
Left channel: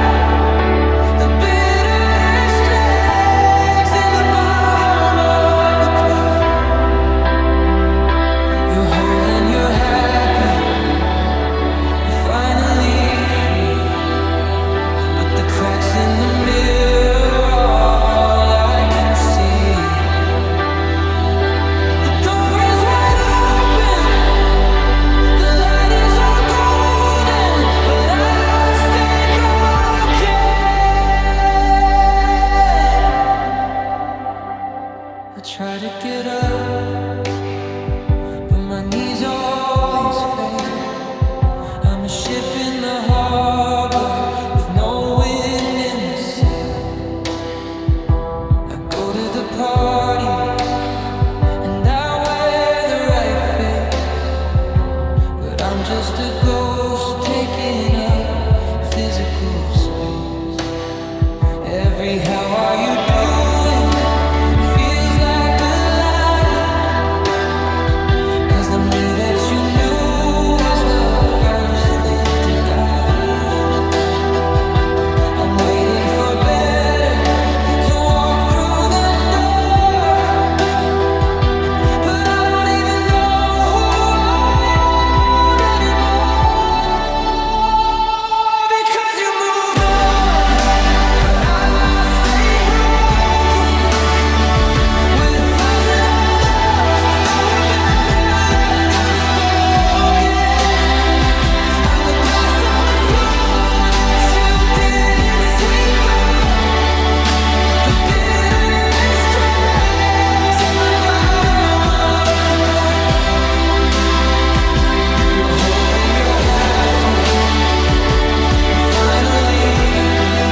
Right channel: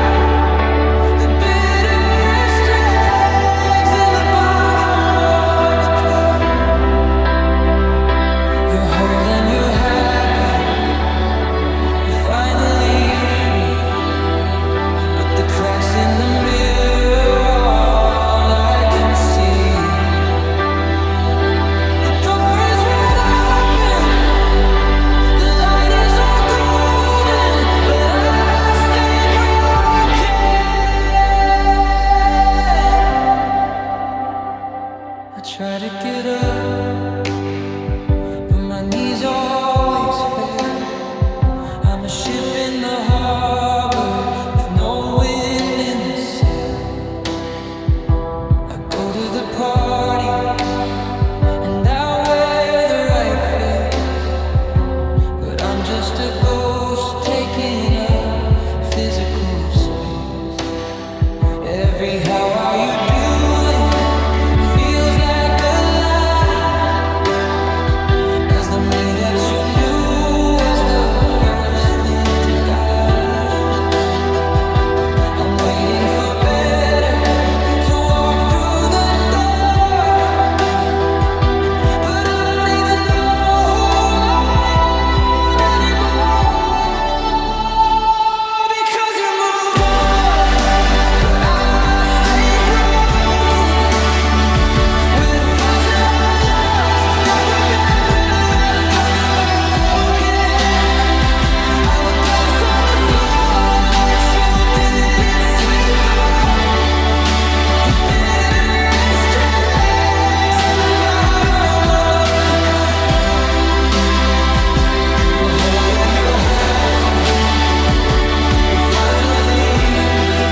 the bitterest dregs in the bottom of the cup. You're whole and you're happy, you're finally free, but the cracks in the mirror are all I can see. The door is wide open, the light is all golden, but I stayed broken. I try to get up, but my knees always fail. a ship in the harbor with no wind in the sail. I go to the parties and I wear the right face, but I'm just a ghost taking up physical space. Every how are you doing feels like a lie, 'cause the me that you knew was the first thing to die. I'm waiting for better to walk through the door, but I don't even know who I am anymore. Because you moved on, but I stay broken with 1,000 other loves that were better left unspoken. I'm a glass on the floor that you didn't sweep up. The bitterest dregs in the bottom of the cup. You're whole and you're happy, you're finally free,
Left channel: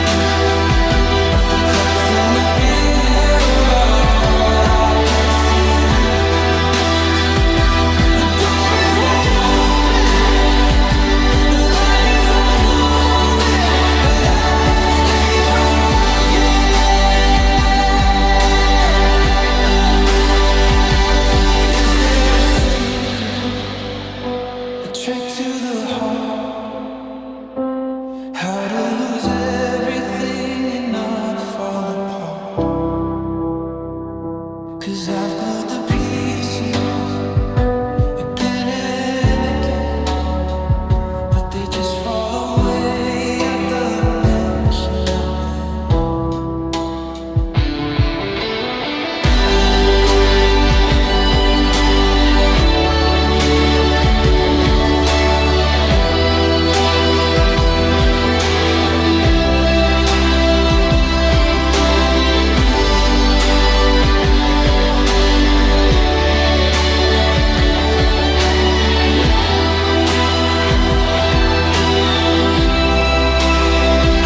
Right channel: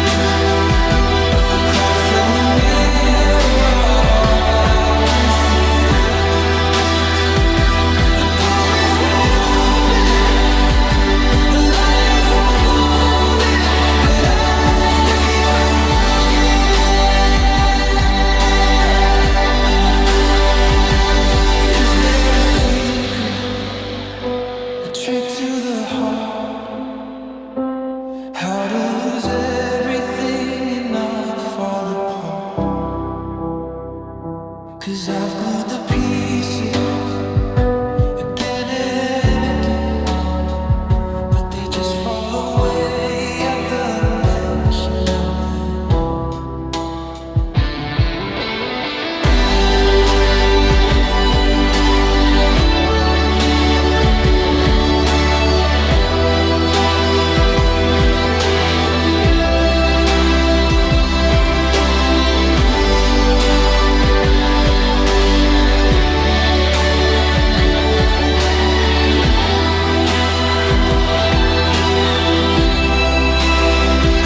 but the cracks in the mirror are all I can see. The door is wide open, the light is all golden, but I stay broken. Is there a secret, a trick to the heart? How to lose everything and not fall apart? 'Cause I've glued the pieces again and again, but they just fall away at the mention of them.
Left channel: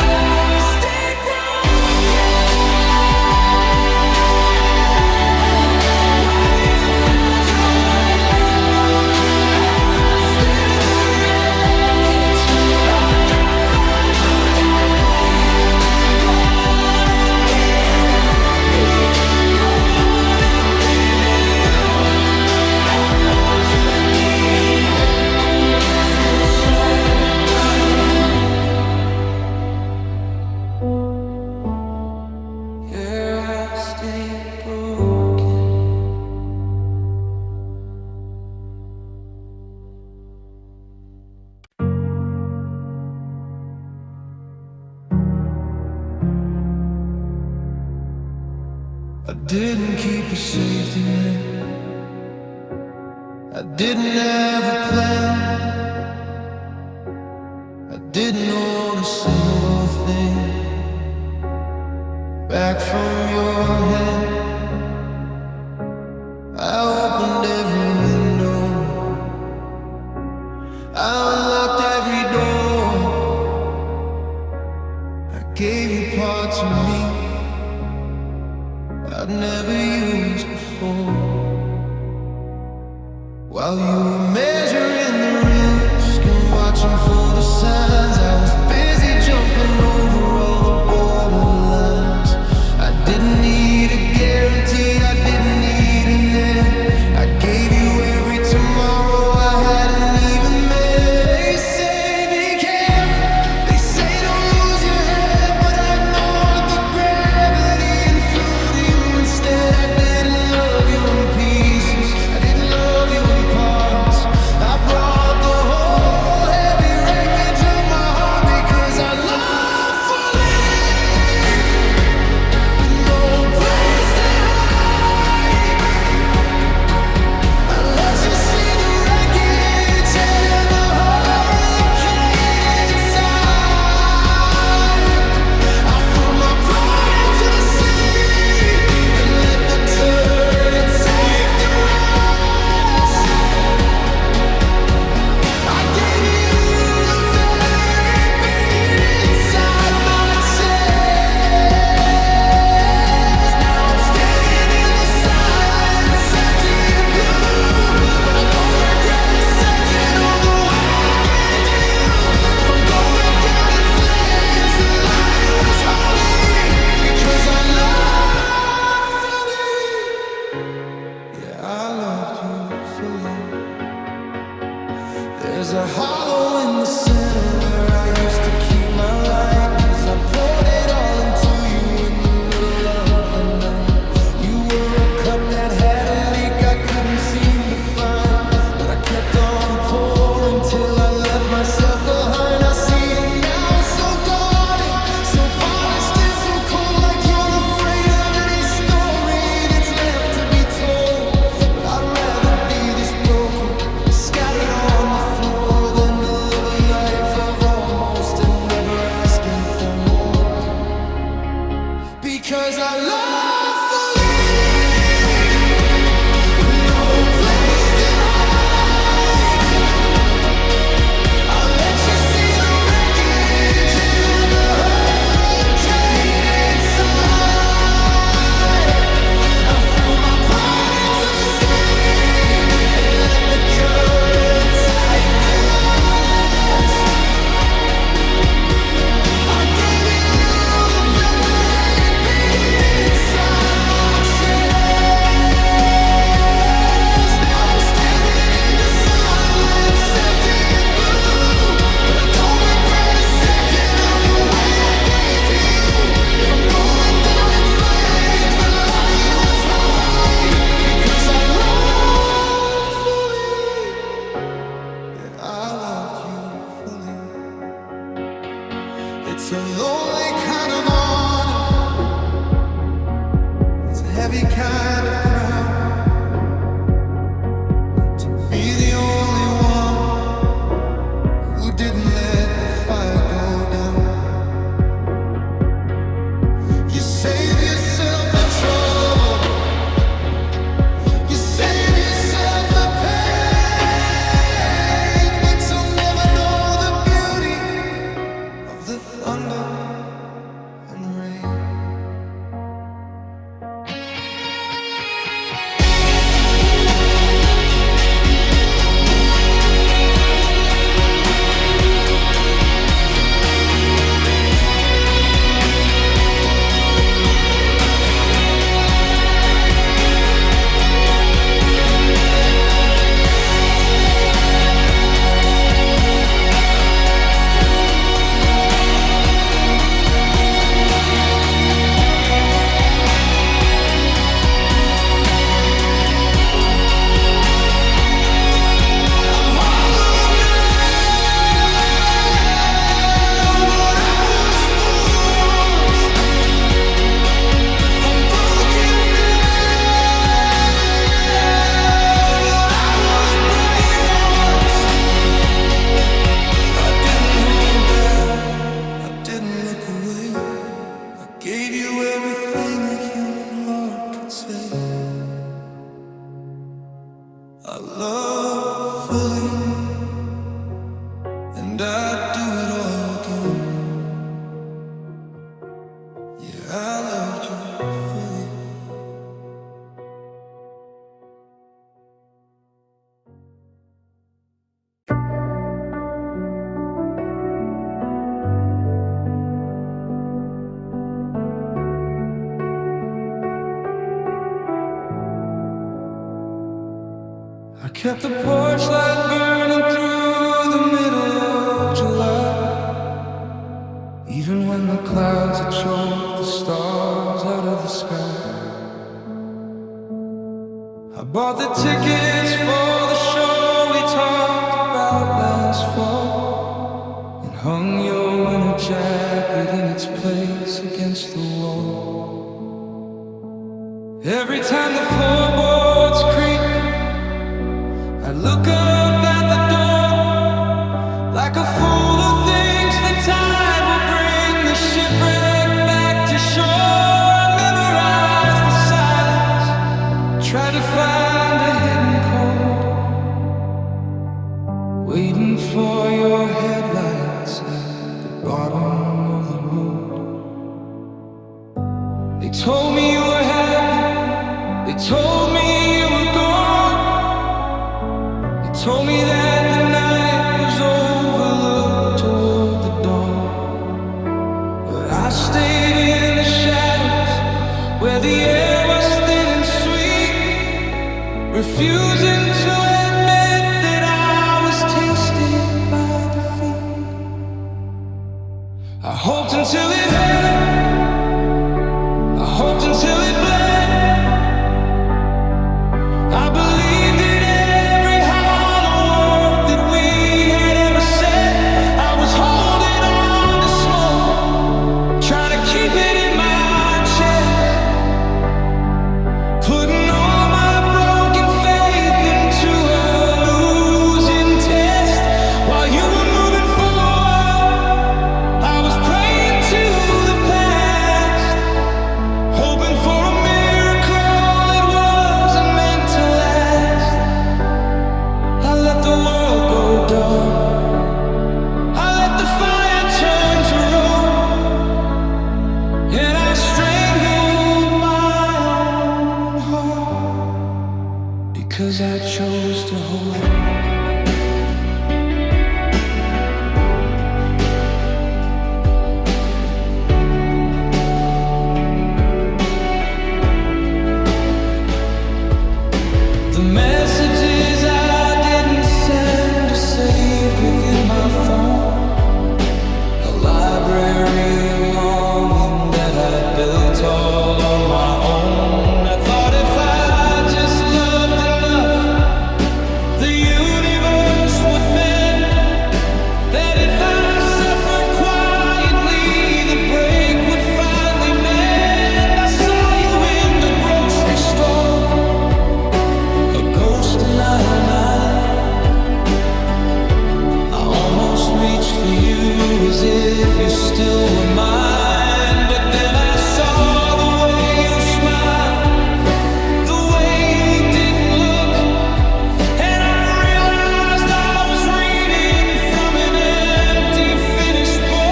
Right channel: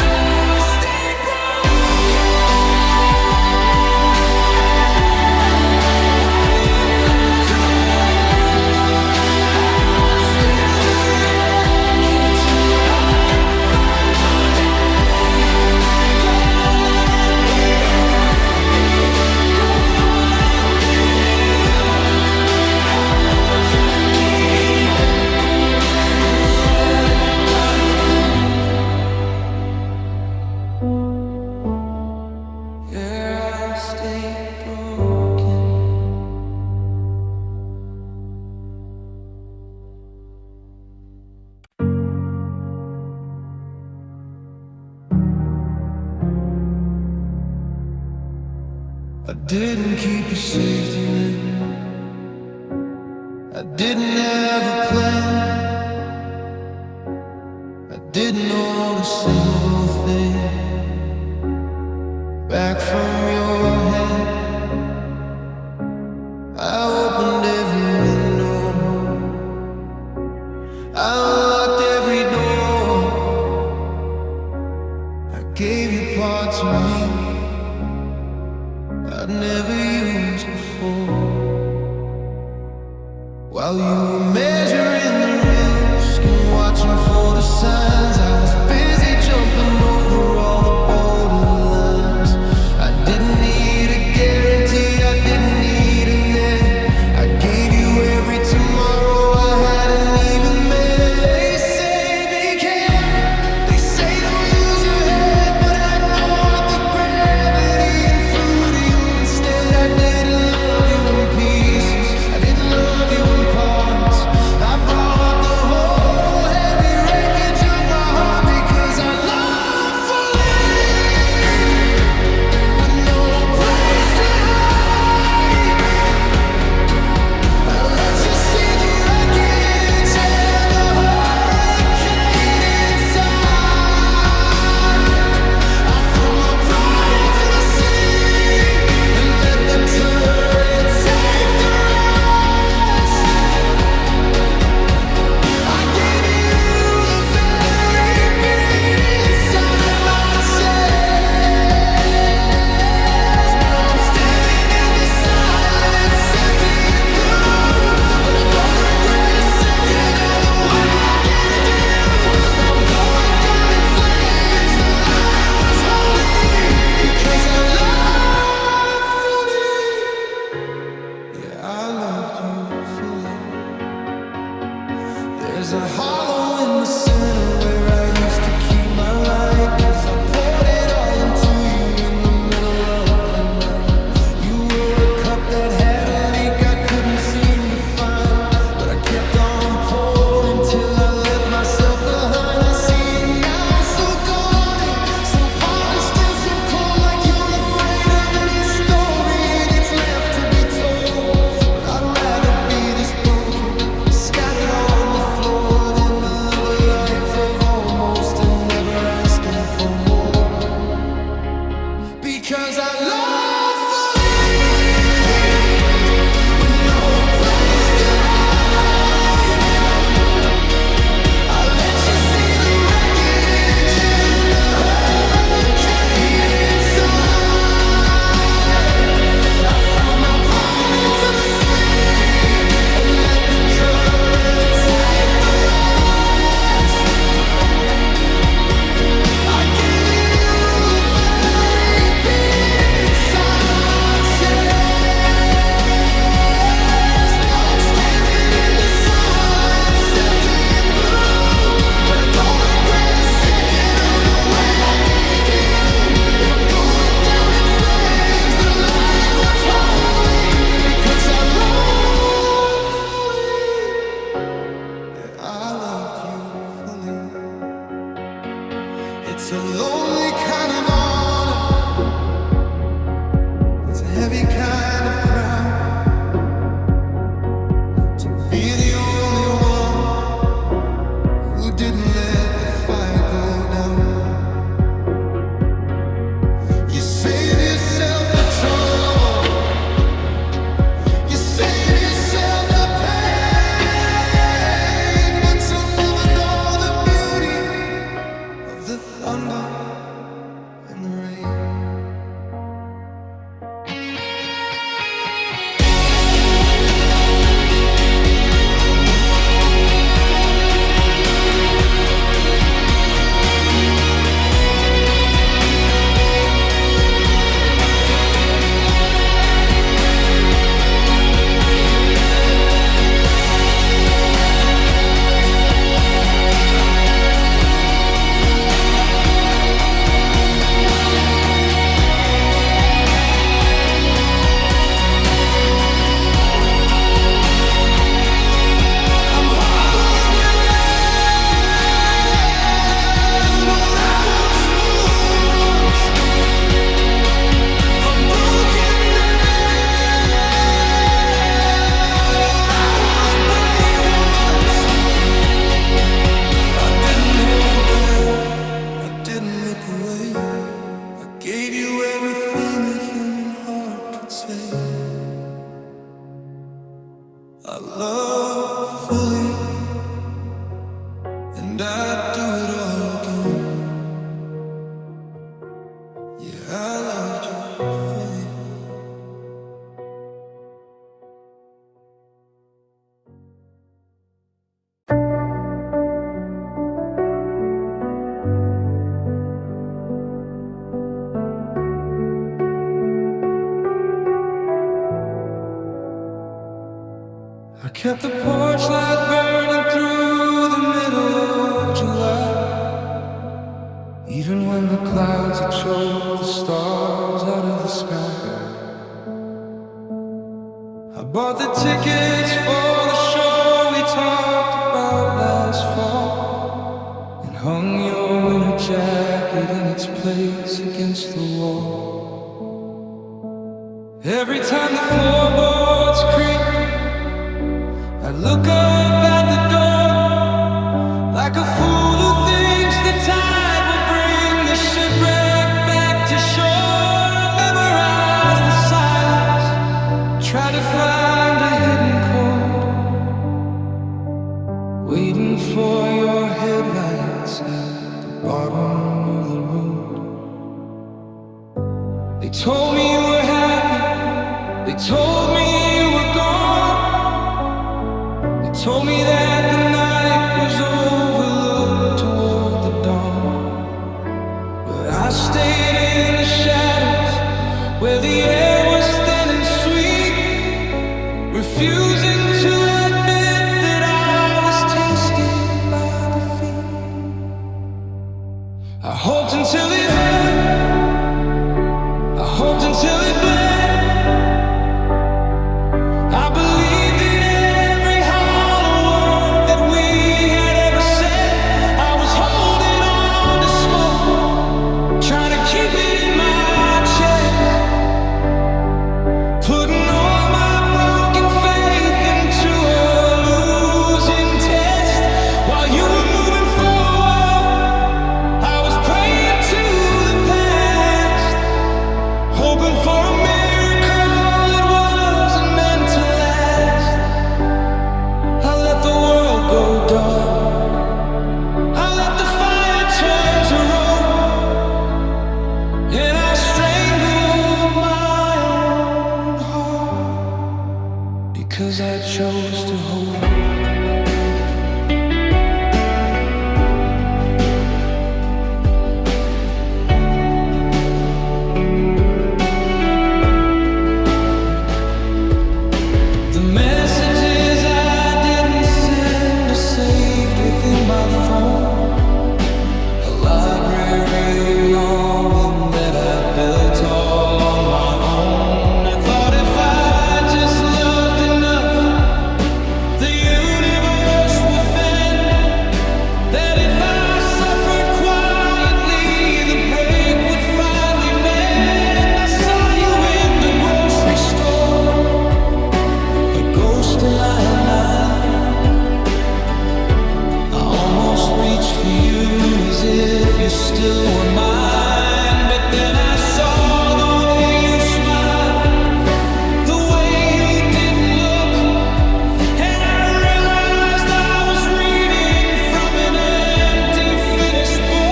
I stay broken. While you found your way, I'm still the wreckage of that final day. Go on and be happy. Go on and be you. I'll just be here, still shattered by you. Yeah, I stay broken. I didn't keep a safety net, I didn't have a plan, I didn't own a single thing back from your head. I opened every window, I unlocked every door, I gave you parts of me I'd never used before. While you were measuring the risk and watching for the signs, I was busy jumping over all the borderlines. I didn't need a guarantee, I didn't need a net. I gave you every tomorrow I hadn't even met. They say be careful, they say don't lose your head, but I ignored the gravity and flew to you instead. I didn't love you in pieces, I didn't love you in parts. I loved you fully. There's a hollow in the center where I used to keep my light, 'cause I poured it all into you in the middle of the night. You were a cup that had a leak I couldn't seem to find, but I kept on pouring till I left myself behind. I see you now, so guarded, so polished and so cold, like you're afraid of any story that's left to be told. But I'd rather be this broken, scattered on the floor, than to live a life of almost and never asking for more. Because I love fully, with no place to hide. I let you see the wreckage and the hurricane inside. I threw my pride into the sea and let the current take the rest. I gave you the very beat inside my chest. Now I'm standing in the silence, empty and blue, but I don't regret a second of the way I came to you. If I'm going down in flames, the light was holy, because I loved fully. Yeah, I loved you fully. It's a lonely kind of honor, it's a heavy kind of crown, to be the only one who didn't let the fire go down. You save yourself the trouble, you save yourself the pain, but you'll never know the beauty of the thunder and the rain. I'm hollow now, but I was full once. I'm broken now, but I was brave once. I didn't hold back, I didn't look away. I gave you everything a human heart could say. I love fully, and I'd do it all again. Yeah, I loved you fully. I kept the porch light burning through the middle of July, even when the clouds had choked the stars out of the sky. I bought the tickets for the show we talked about last fall, and hung your winter jacket in its place against the wall. Every time the floorboards creak, I look up at the door, like a fool who thinks the tide will bring the shipwreck back to shore. I memorize the silence, try to find a hidden code, waiting for your headlights at the bottom of the road. They told me you were happy, they told me you were gone, they told me that the night was overlooked toward the dawn. But I stayed in the shadows where the air was thin and sweet, refusing to admit that I was tasted by defeat. I hoped until it hurt, I hoped until it bled. I believed in every hollow word that we had ever said. I was holding on to smoke, trying to keep it in my chest, putting all my broken faith into a losing test. While you were moving forward, I was praying to the past, hoping for a miracle that wasn't meant to last. I let the world go dark, I let the fire turn to road, and I strangled my own heart because I chose to hold. The messages I didn't send are saved within my phone, a library of longing that I built all on my own. I thought if I just loved enough, the universe would bend, that if I suffered quietly, the break would finally mend. I saw you in the grocery store, a ghost in aisle 9. I almost reached for you as if you still were mine, but then I saw the way you smiled, the way you didn't look, and I realized I was reading from an empty, finished book.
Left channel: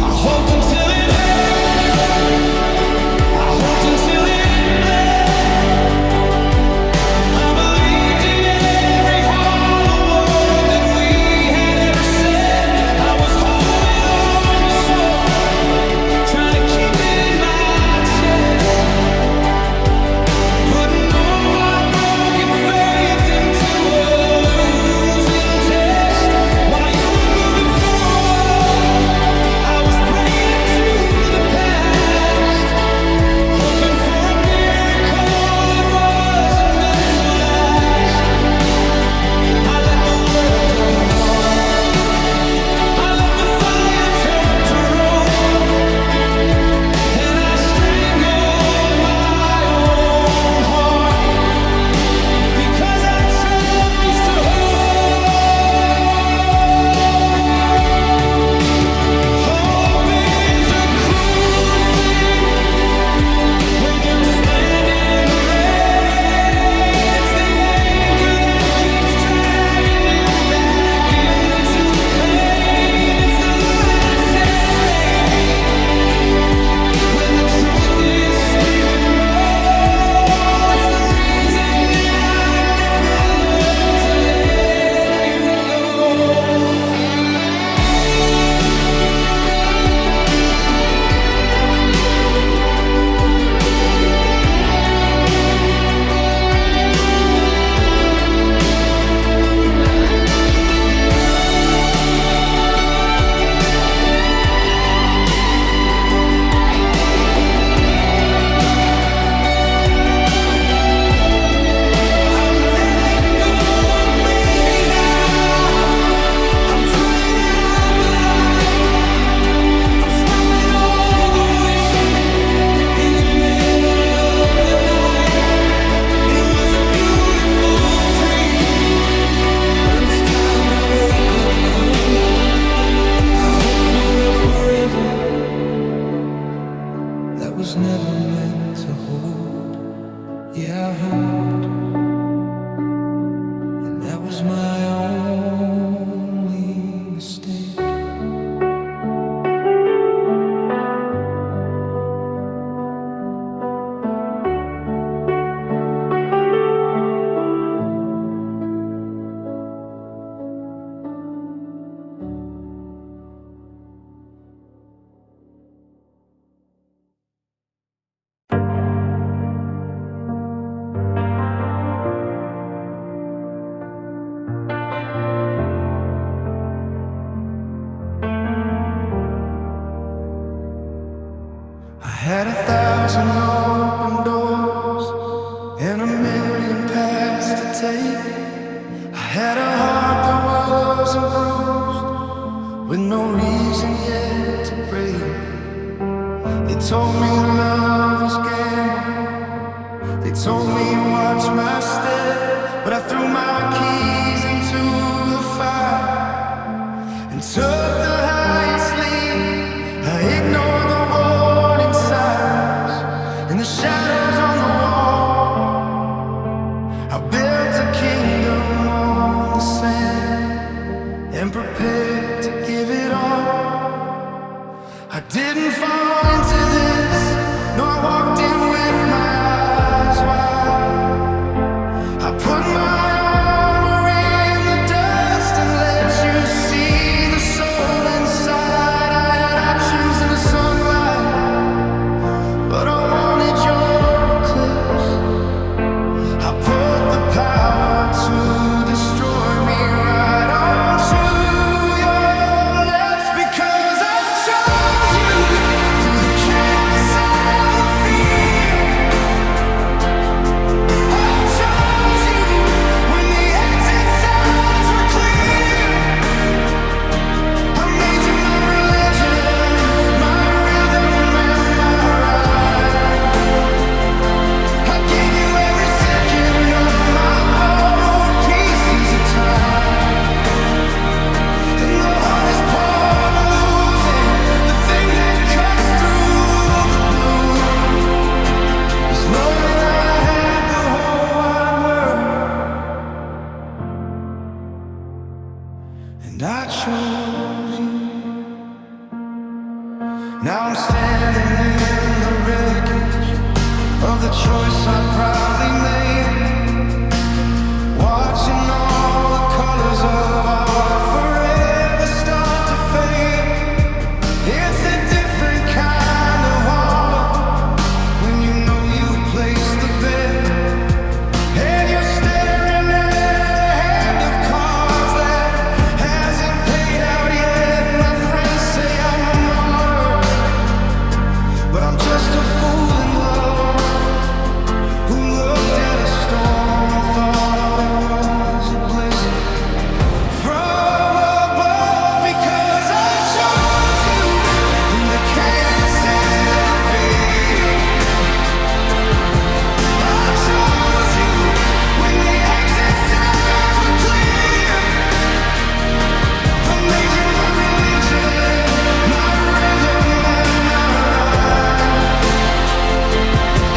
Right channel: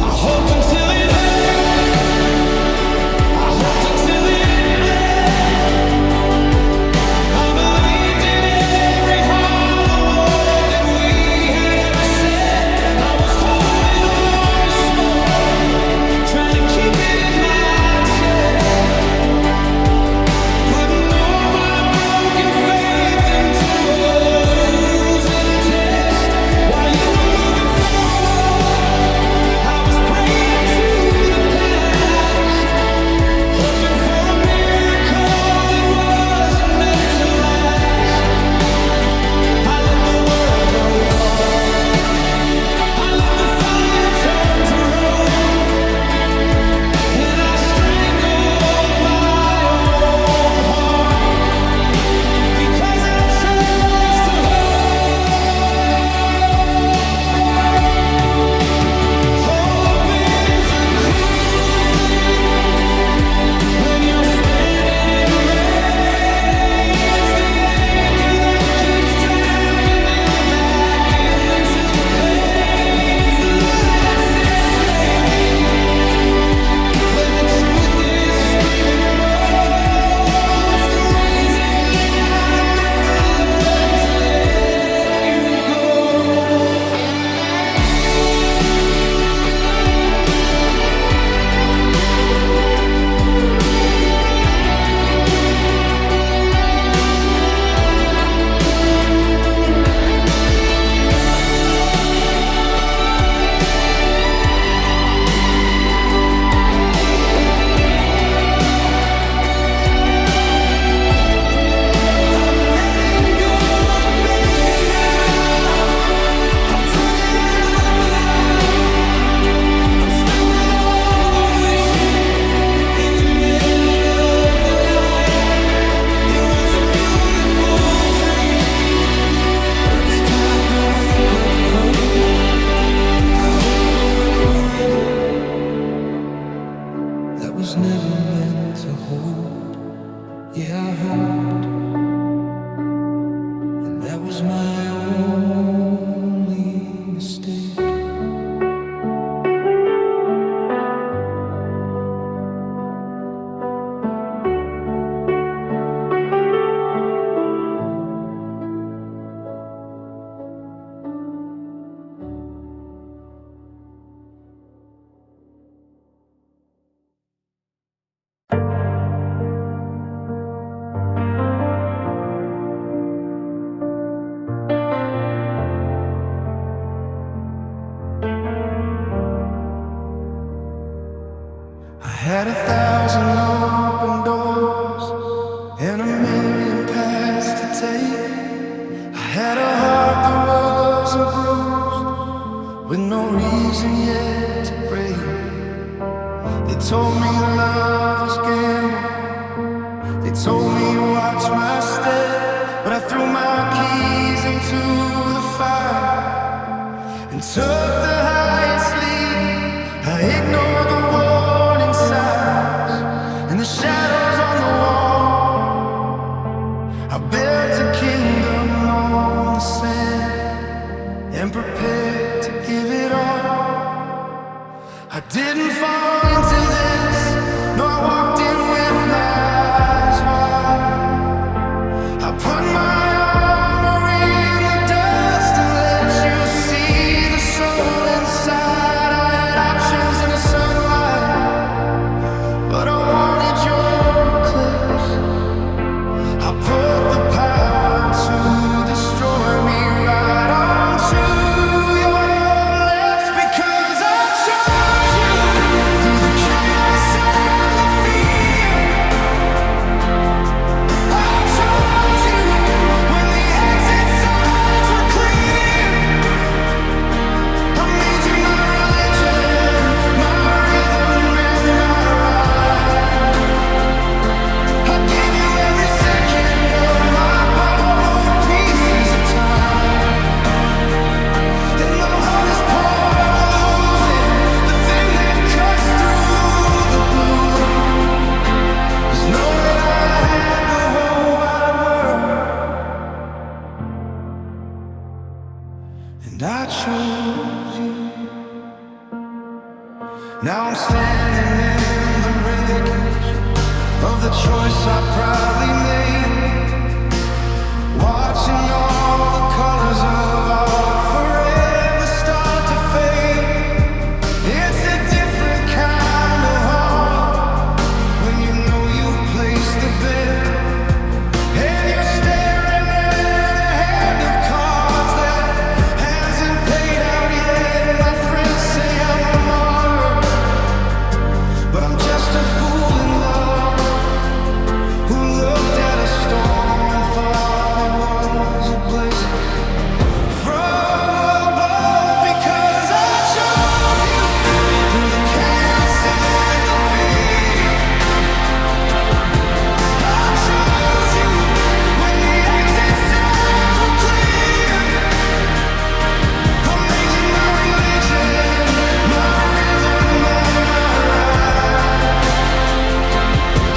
I hoped until it hurt, I hoped until it bled. I believed in every hollow word that we had ever said. I was holding on to smoke, trying to keep it in my chest, putting all my broken faith into a losing test. While you were moving forward, I was praying to the past, hoping for a miracle that wasn't meant to last. I let the world go dark, I let the fire turn to road, and I strangled my own heart because I chose to hold. Hope is a cruel thing when you're standing in the rain. It's the anchor that keeps dragging you back into the pain. It's the lie that says maybe when the truth is screaming no. It's the reason that I never learned to let you go. I'm letting go of maybe now. I'm turning out the light. I'm stopping all the wishing in the middle of the night. It was a beautiful dream, but it's time to wake up cold. I hope for a forever that was never meant to hold. Yeah, I hoped, and that was my only mistake. had 1,000 open doors and 1,000,000 paths to take. I had a heart that wasn't bruised, with no reason yet to break. They told me love was gamble. They told me watch my step, but I threw my keys into the fire and took the highest lead. I ignored the warning sirens and the shadows on the wall. I built a kingdom on the sand and prepared to give it all. I didn't fall into this, no, I walked in with my eyes wide. I put my armor in the dust and let you see the soul inside. I had options in the sunlight, but I wanted your eclipse. I put the power to destroy me right onto your lips, because I chose you through the chaos and the fear. I chose you when the exit signs were clear. I made you my religion, my rhythm and my ride. I gave you every second of my borrowed pieces of time. And the hardest part of losing, the thing that cuts through the blue, is knowing I had the whole wide world, and I chose you. Now I'm standing in the wreckage of the choice I proudly made, watching all the colors of our forever start to fade. It's a different kind of horror when you know you placed the bet, and you're staring at a hand of cards that hasn't paid out yet. My friends say I'm a martyr, but I'm just a fool in love who looked at a storm and thought it was a blessing from above, because I chose you through the chaos and the fear. I chose you when the exit signs were clear. I made you my religion, my rhythm and my ride.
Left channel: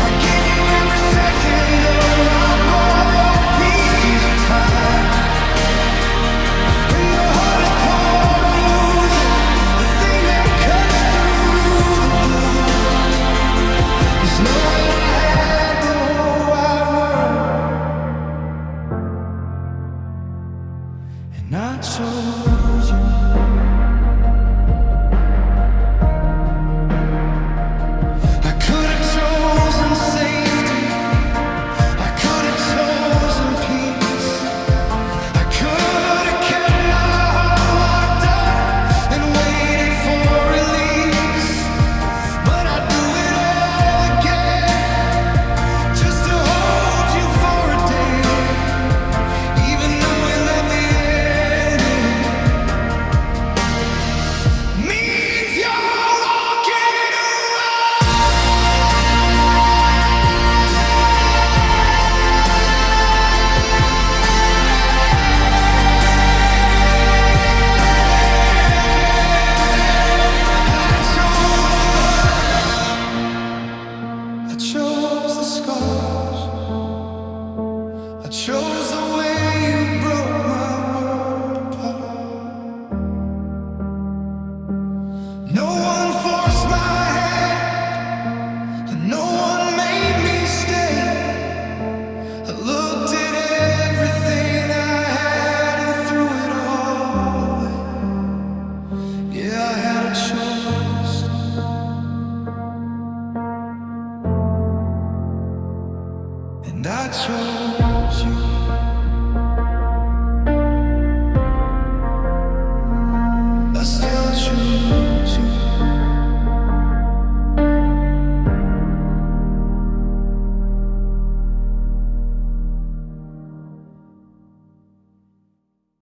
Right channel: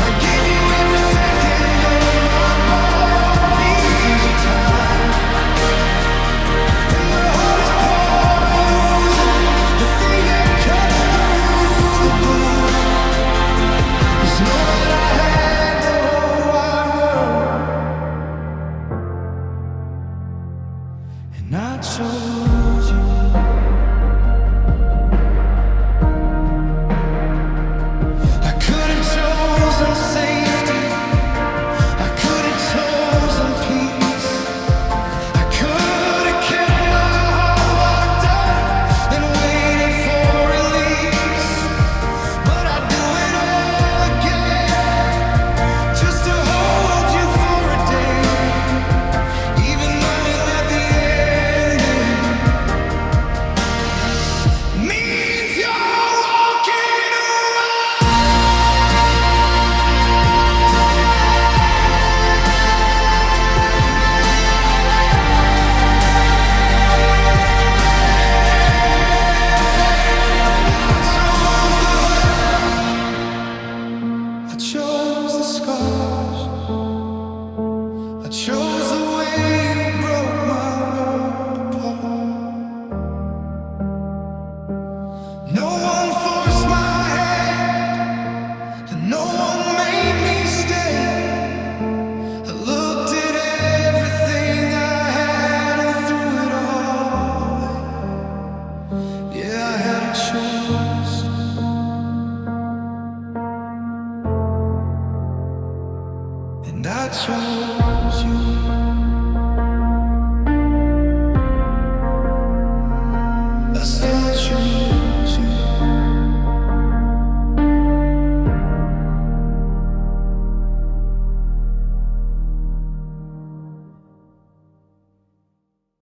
I gave you every second of my borrowed pieces of time. And the hardest part of losing, the thing that cuts through the blue, is knowing I had the whole wide world, and I chose you. I could have chosen safety, I could have chosen peace, I could have kept my heart locked up and waited for release, but I do it all again just to hold you for a day, even knowing that the ending means you're walking away. I chose the hurt, I chose the scars, I chose the way you broke my world apart. No one forced my hand, and no one made me stay. I looked at everything I had and threw it all away. Yeah, I had a choice, and I chose you.